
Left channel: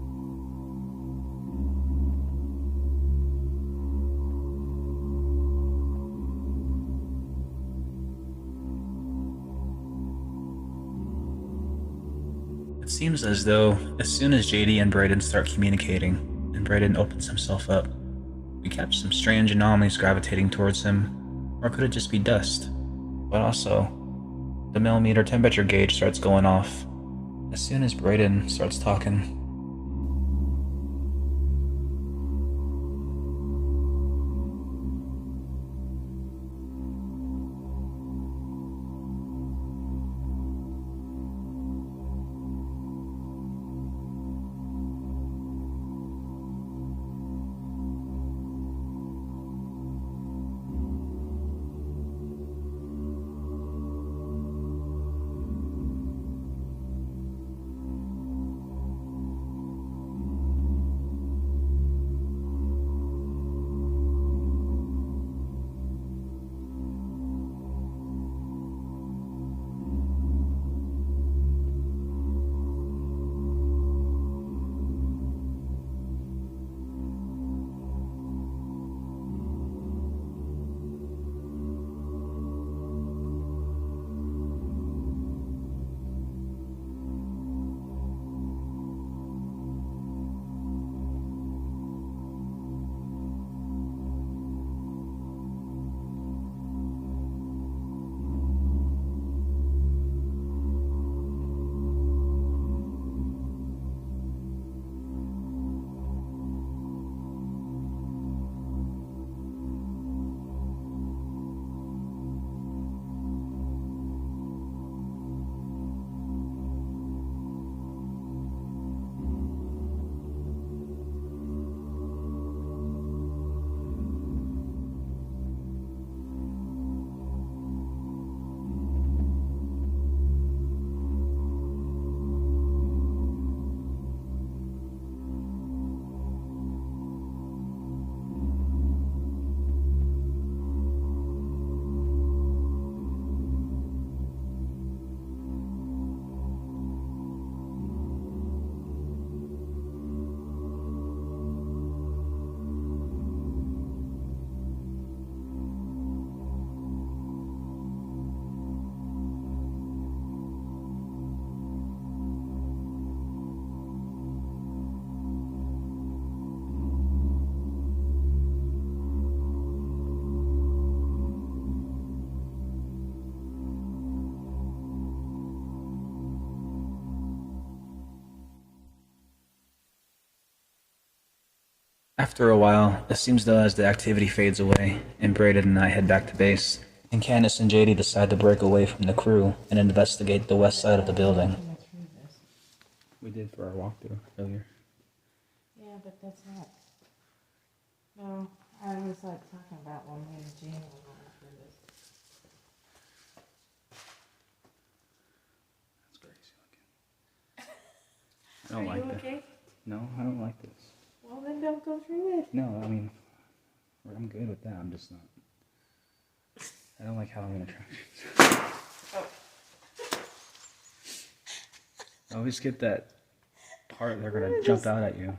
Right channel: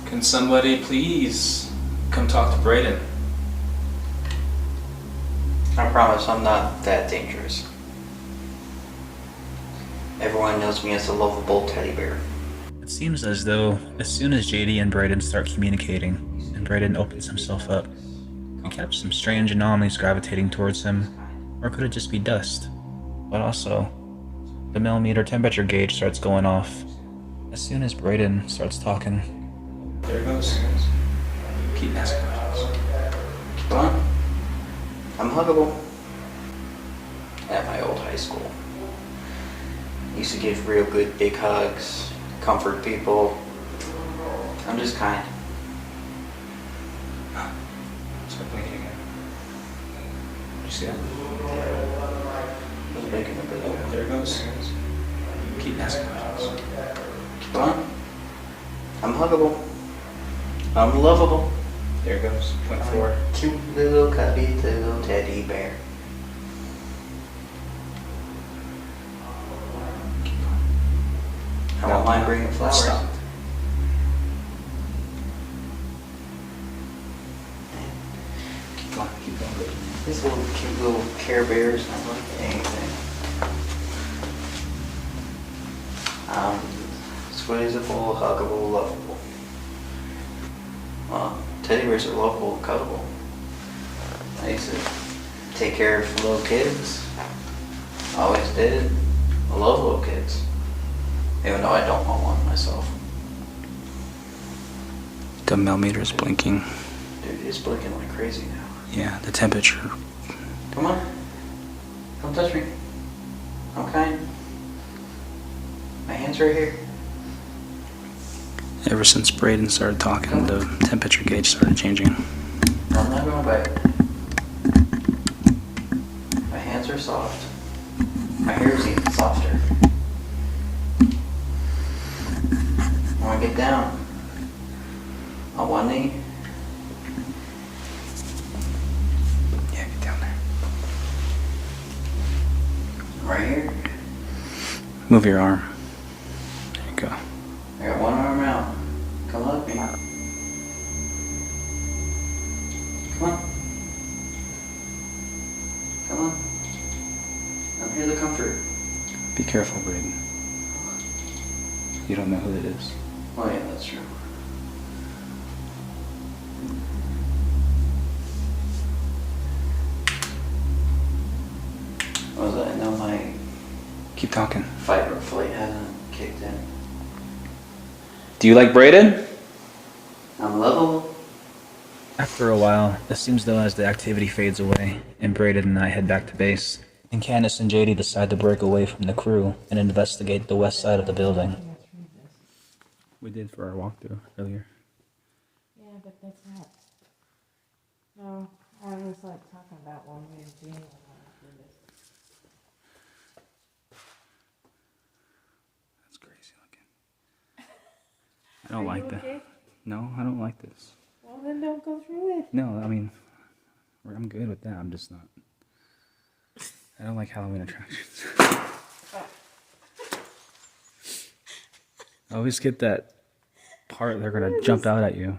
Can somebody please come talk to Braden? I promise I'm not that dangerous. Everyone knows me as a lovable teddy bear. It seems as though as soon as JD and Braden start communicating, and Braden opens himself up, we catch some strange anomalies gravitating towards him, or could it just be dust? But also, the millimeter temperature gauge starts going off as soon as Braden starts talking. There it goes. Keep asking questions. Keep on. I'm huggable. At my old high school. Used to give real good big hugs, comfort people. I'm just kind. Start blinking again. Did you see that? I was making a bit Oh, of there it goes. Keep asking questions. Keep on. I'm huggable. I'm lovable. There it goes. Point forward. Cute little cubby little teddy bear. I don't mind bringing flowers. Stop. Keep going. Keep going. These little cute little Care Bears don't like anything. Squeezable, huggable, lovable. Teddy bears are lovable and cuddable. I used to take care of little kids. Always did. I love little kids. Even though I don't want one myself. The millimeter's blinking. Dude, it's blinking like crazy now. Yeah, the temperature. Come on. Don't touch me. I'm kind. My hand's right here. Ever since Braden started talking, the temperature gauge started changing. I'm not going back. My hands are soft. My hair's even softer. I want to get down. On one knee. Yeah, get down there. Right here. Move your arm. There you go. I got one arm out. Come look me. Come on. Come on. I'm here to comfort. Be careful, Braden. You don't know who it is. Oh yeah, that's true. talking. Fight or flight hasn't kicked in. Do you like braided? I'm level. After a while, it seems though as the activity fades away, and Braden and I head back to base, and Candace and JD decide to break away from the crew and investigate the west side of the building. We did for our walkthrough earlier. Yeah, but that's not. No, I was like talking about when we were Jane and That's crazy looking. I don't like that. okay? No, I don't like this. Well, then don't go through it. No, I mean, I'm good with that. I'm just not. I don't like Halloween attractions. I always get that part they're gonna jump out at you.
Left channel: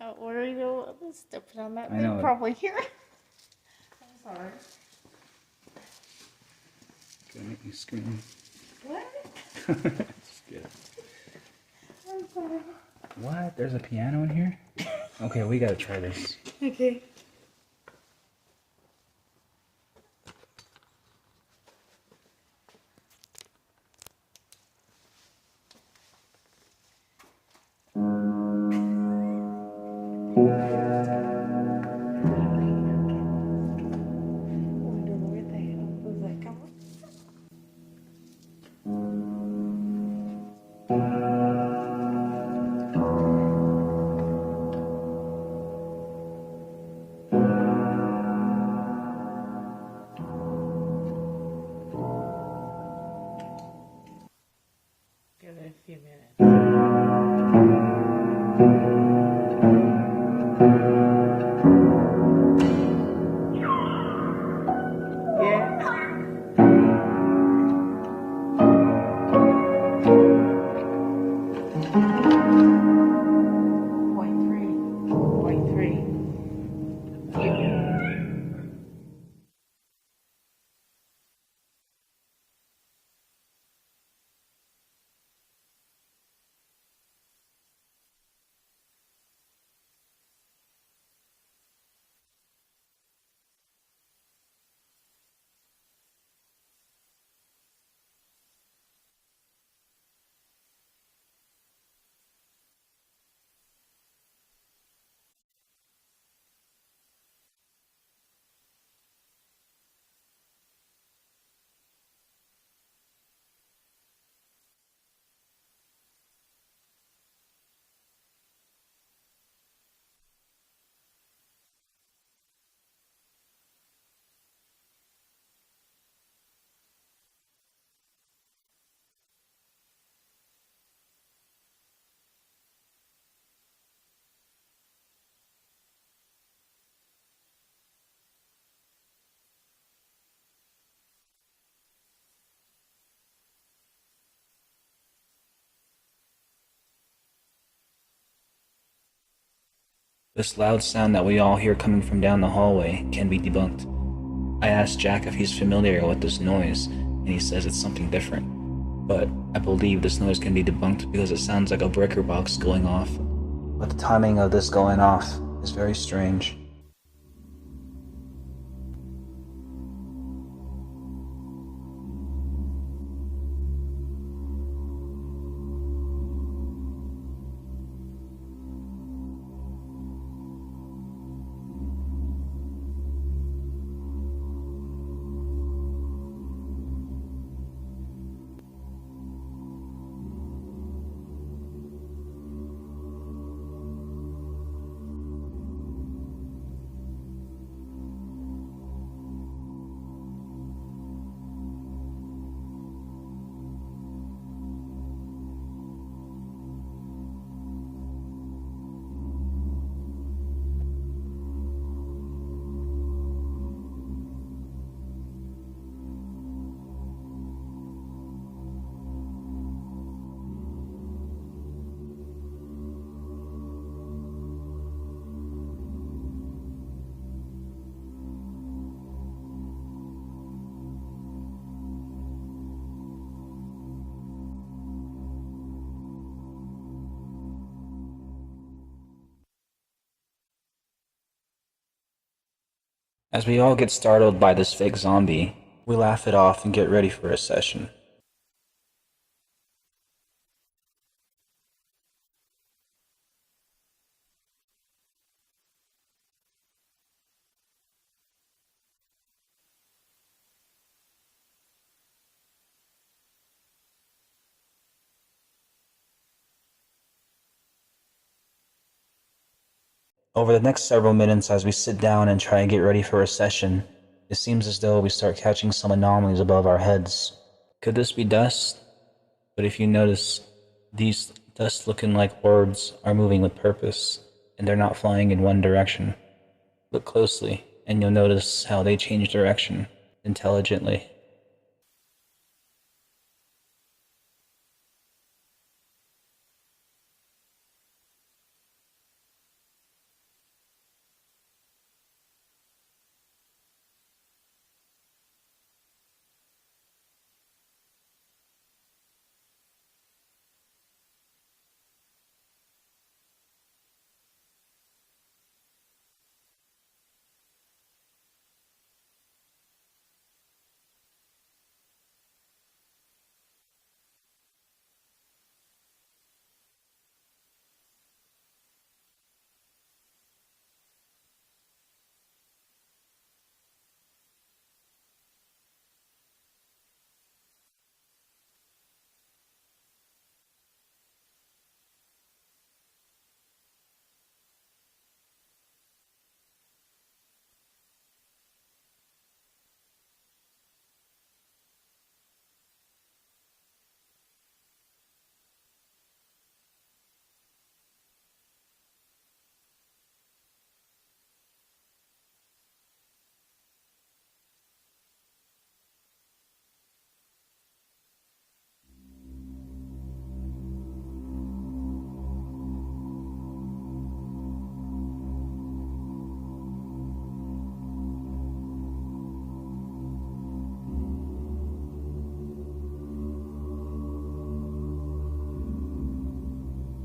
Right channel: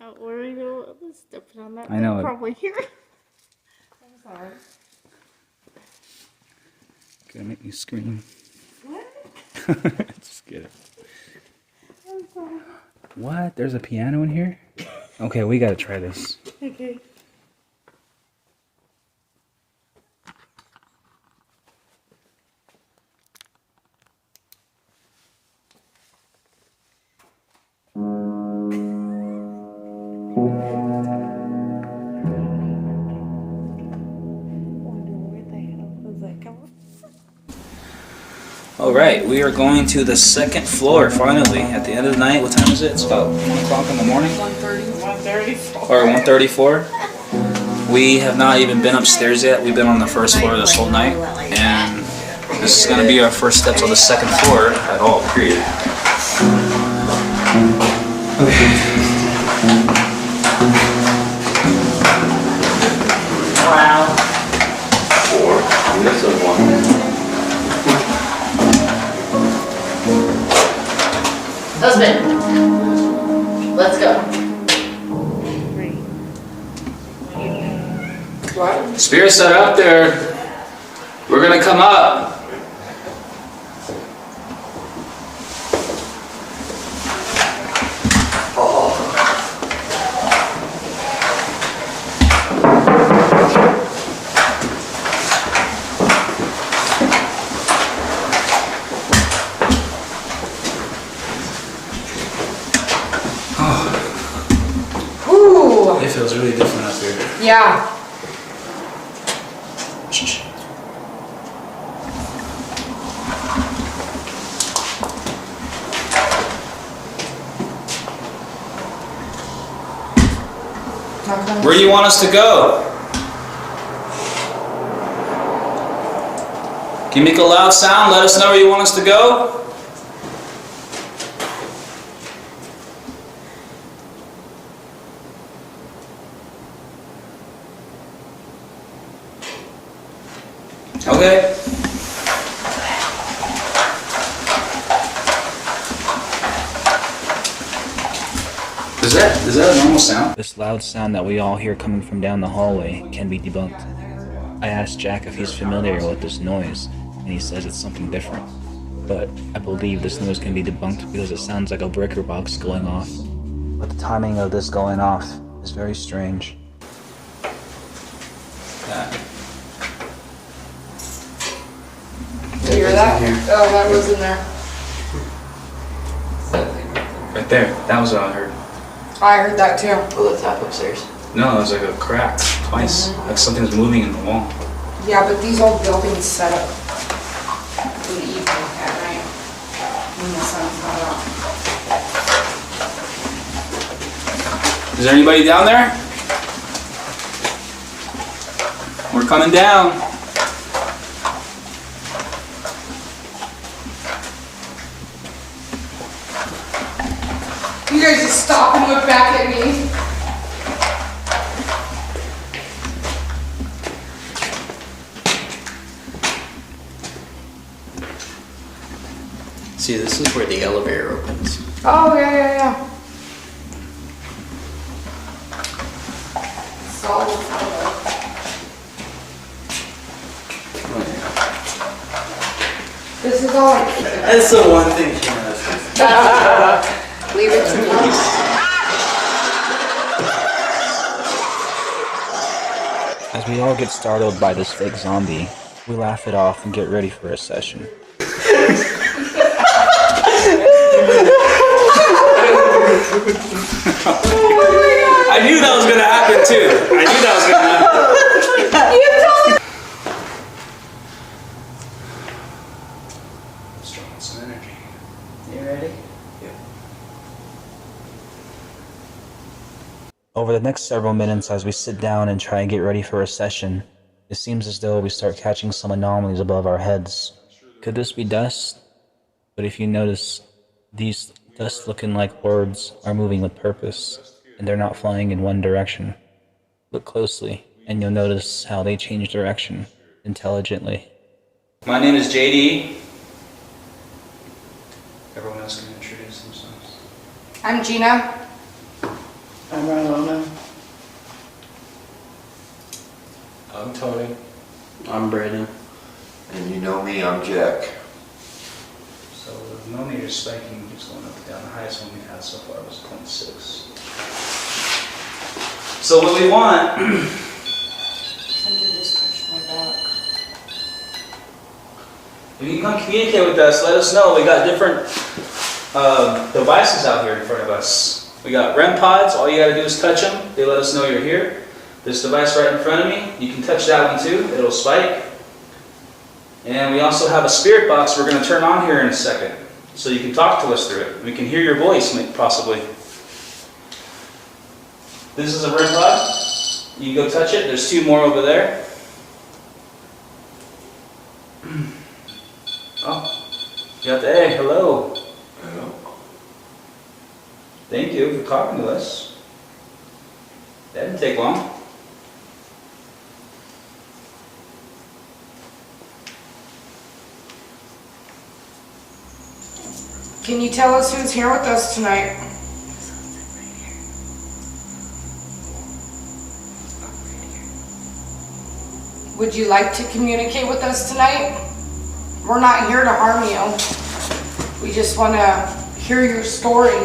Oh, where are you stepping on that? I know. Probably here. I'm sorry. Gonna make me scream. What? Just kidding. I'm sorry. What? There's a piano in here? Okay, we gotta try this. Okay. Alright, we are going to the second floor finally. At the end of the night, what time is it? It's about 1 o'clock in the morning? 1:34. Or 1:34. We have not even been upstairs yet. We've been on the first floor this whole night. And this is going to be our first steps on the second floor at all, period. Wow. Husband, let's go. 3. What? Spirits that are up there, we're going to come up. It feels really different up here. Yeah. Shh. Where do you want us to go? Can you make a loud sound? Let us know where you want us to go. Okay. Is that a normal sound? This loud sound that we all hear coming from down the hallway can be debunked. I asked Jack if he's familiar with this noise, and he says it's something different. But I believe this noise can be debunked because it sounds like a breaker box going off. But the timing of this going off is very strange. You hear that? Oh, that was in there. Right there. That was what I heard. I heard that too. Will it tap upstairs? No, it was like a crack twice. Like something's moving in the wall. Yeah, but these old buildings set up for the evening at night when the sun's not out. Is there anybody down there? We're coming down. You guys just stop and look back at me. See, this is where the elevator opens. Oh, yeah. Solid. This is all I keep. That's the one thing she knows. Leave it to me. As we all get startled by this fake zombie, we laugh it off and get ready for a session. I knew that was gonna happen. You told me. Let's draw on some energy. You ready? Yep. Over the next several minutes, as we sit down and try and get ready for a session, it seems as though we start catching some anomalies above our heads. Could this be dust? But if you notice, these dust looking like orbs are moving with purpose, and they're not flying in one direction. Look closely, and you'll notice how they change direction intelligently. My name is JD. Everyone else can introduce themselves. I'm Gina. I'm Ramona. I'm Tony. I'm Brandon. And you know me, I'm Jack. So the millimeter spiking keeps going up and down. The highest one we've had so far was 0.6. So what we want, Something just touched my back. if you can come communicate with us, let us know. We got different devices out here in front of us. We got REM pods. All you got to do is touch them. They let us know you're here. This device right in front of me, you can touch that one too. It'll spike. And we also have a spirit box we're going to turn on here in a second. So you can talk to us through it. We can hear your voice, possibly. This is a REM pod. You can go touch it. There's 2 more over there. Oh, you got the A. Hello. Hello. Thank you for talking to us. That didn't take long. Can you tell us who's here with us tonight? Would you like to communicate with us tonight? We're not here to harm you. We just want to hear your story.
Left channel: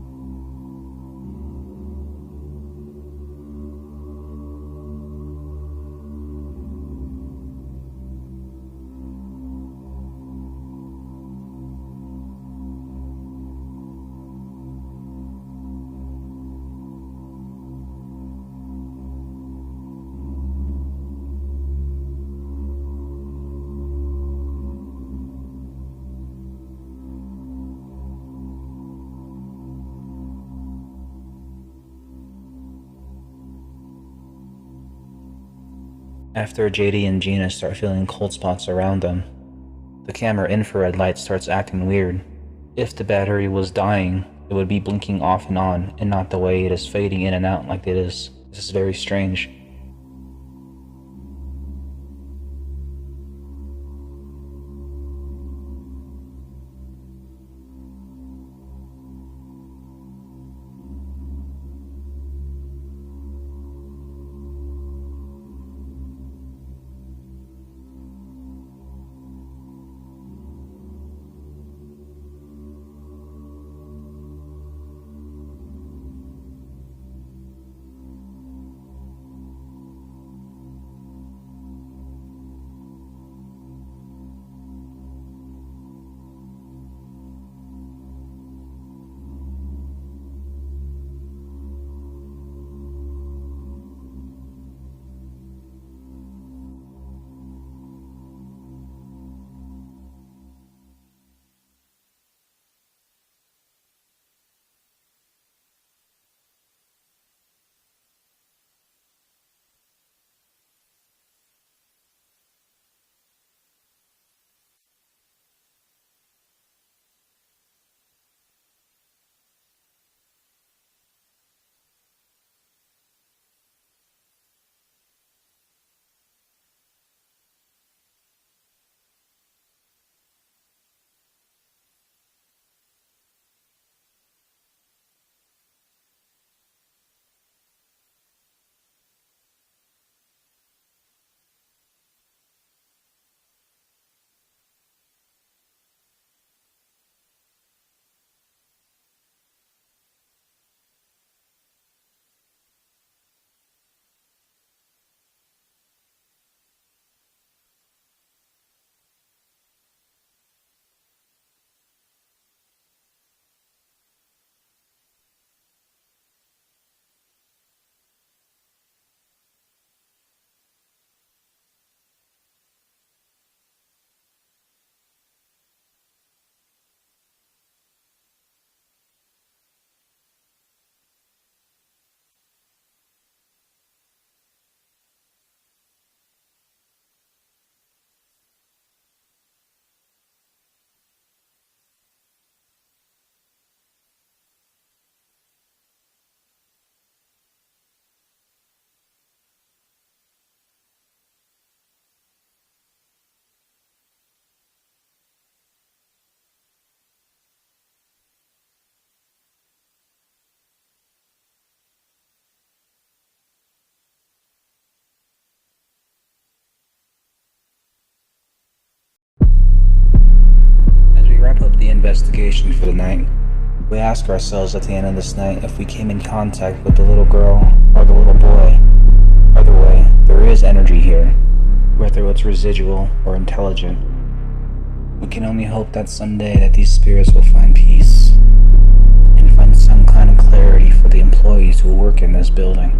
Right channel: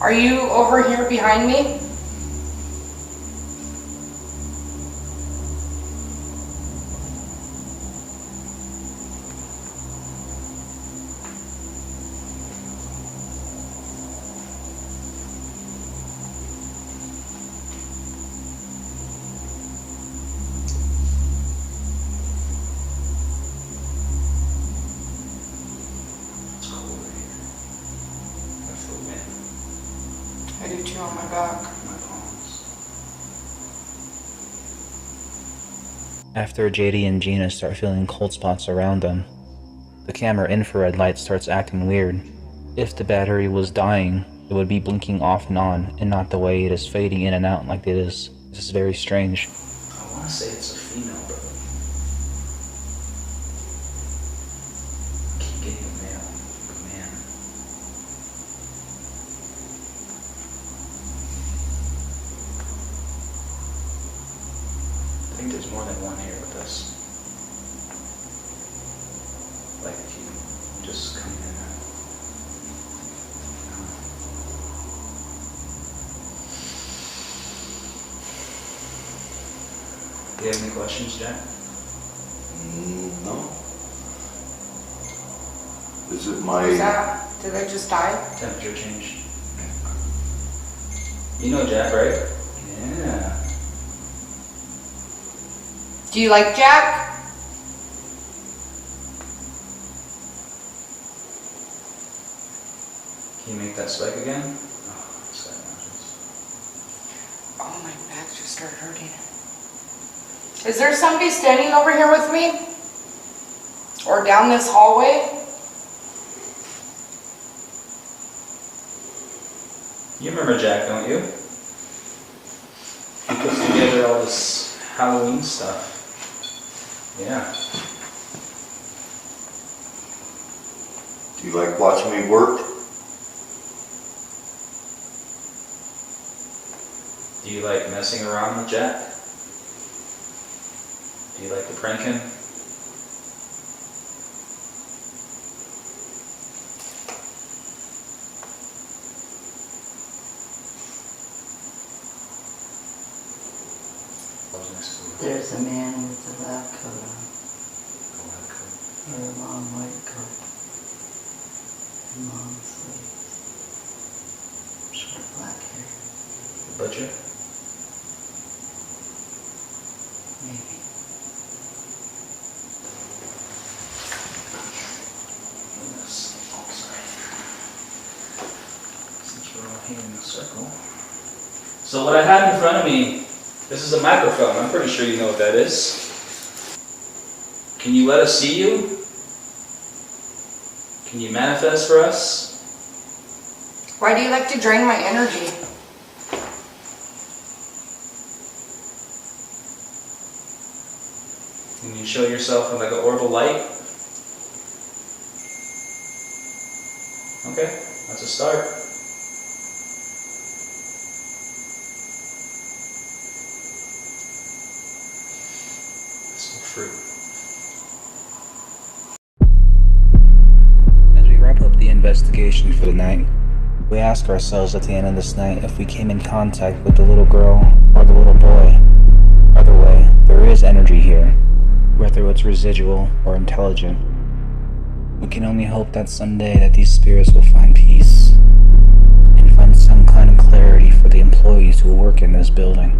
Are you over here behind me? It's cold right here. I feel wind I do too on my back. in my palms. After JD and Gina start feeling cold spots around them, the camera infrared light starts acting weird. If the battery was dying, it would be blinking off and on, and not the way it is fading in and out like it is. This is very strange. I want to say it's a female, but I keep getting a male. Man. I think there's more than one here with us. Like if you just come in. Do you have any questions, Jack? No. Is it Who's my... that? Did they just die? Temperature change. You know Jack, right? Yeah. Do you like Jack? Can you make that spike again? Oh, spike mountains. Oh, my back just started hurting. Is there somebody standing over here with me? Or down this hallway? You remember Jack, don't you? He puts together all this Halloween stuff. Yeah. Do you like watching me work? Do you like messing around with Jack? Do you like the pranking? is a man with a lab coat on. Or a long white coat. And long sleeves. Short black hair. Butcher? Maybe. Since we're all here in a circle. So what I have in front of me, this is a microphone. I'm pretty sure you know what that is. Can you let us see you? Can you manifest for us? Why do you like to drain my energy? Can you show yourself in like an orbital light? Okay, that's a start. Some fruit. As we wrap up the investigation for the night, we ask ourselves at the end of this night if we came in contact with the little girl or the little boy. Either way, there is energy here, whether it's residual or intelligent. We can only hope that someday that these spirits will find peace and find some kind of clarity for the employees who work in this building.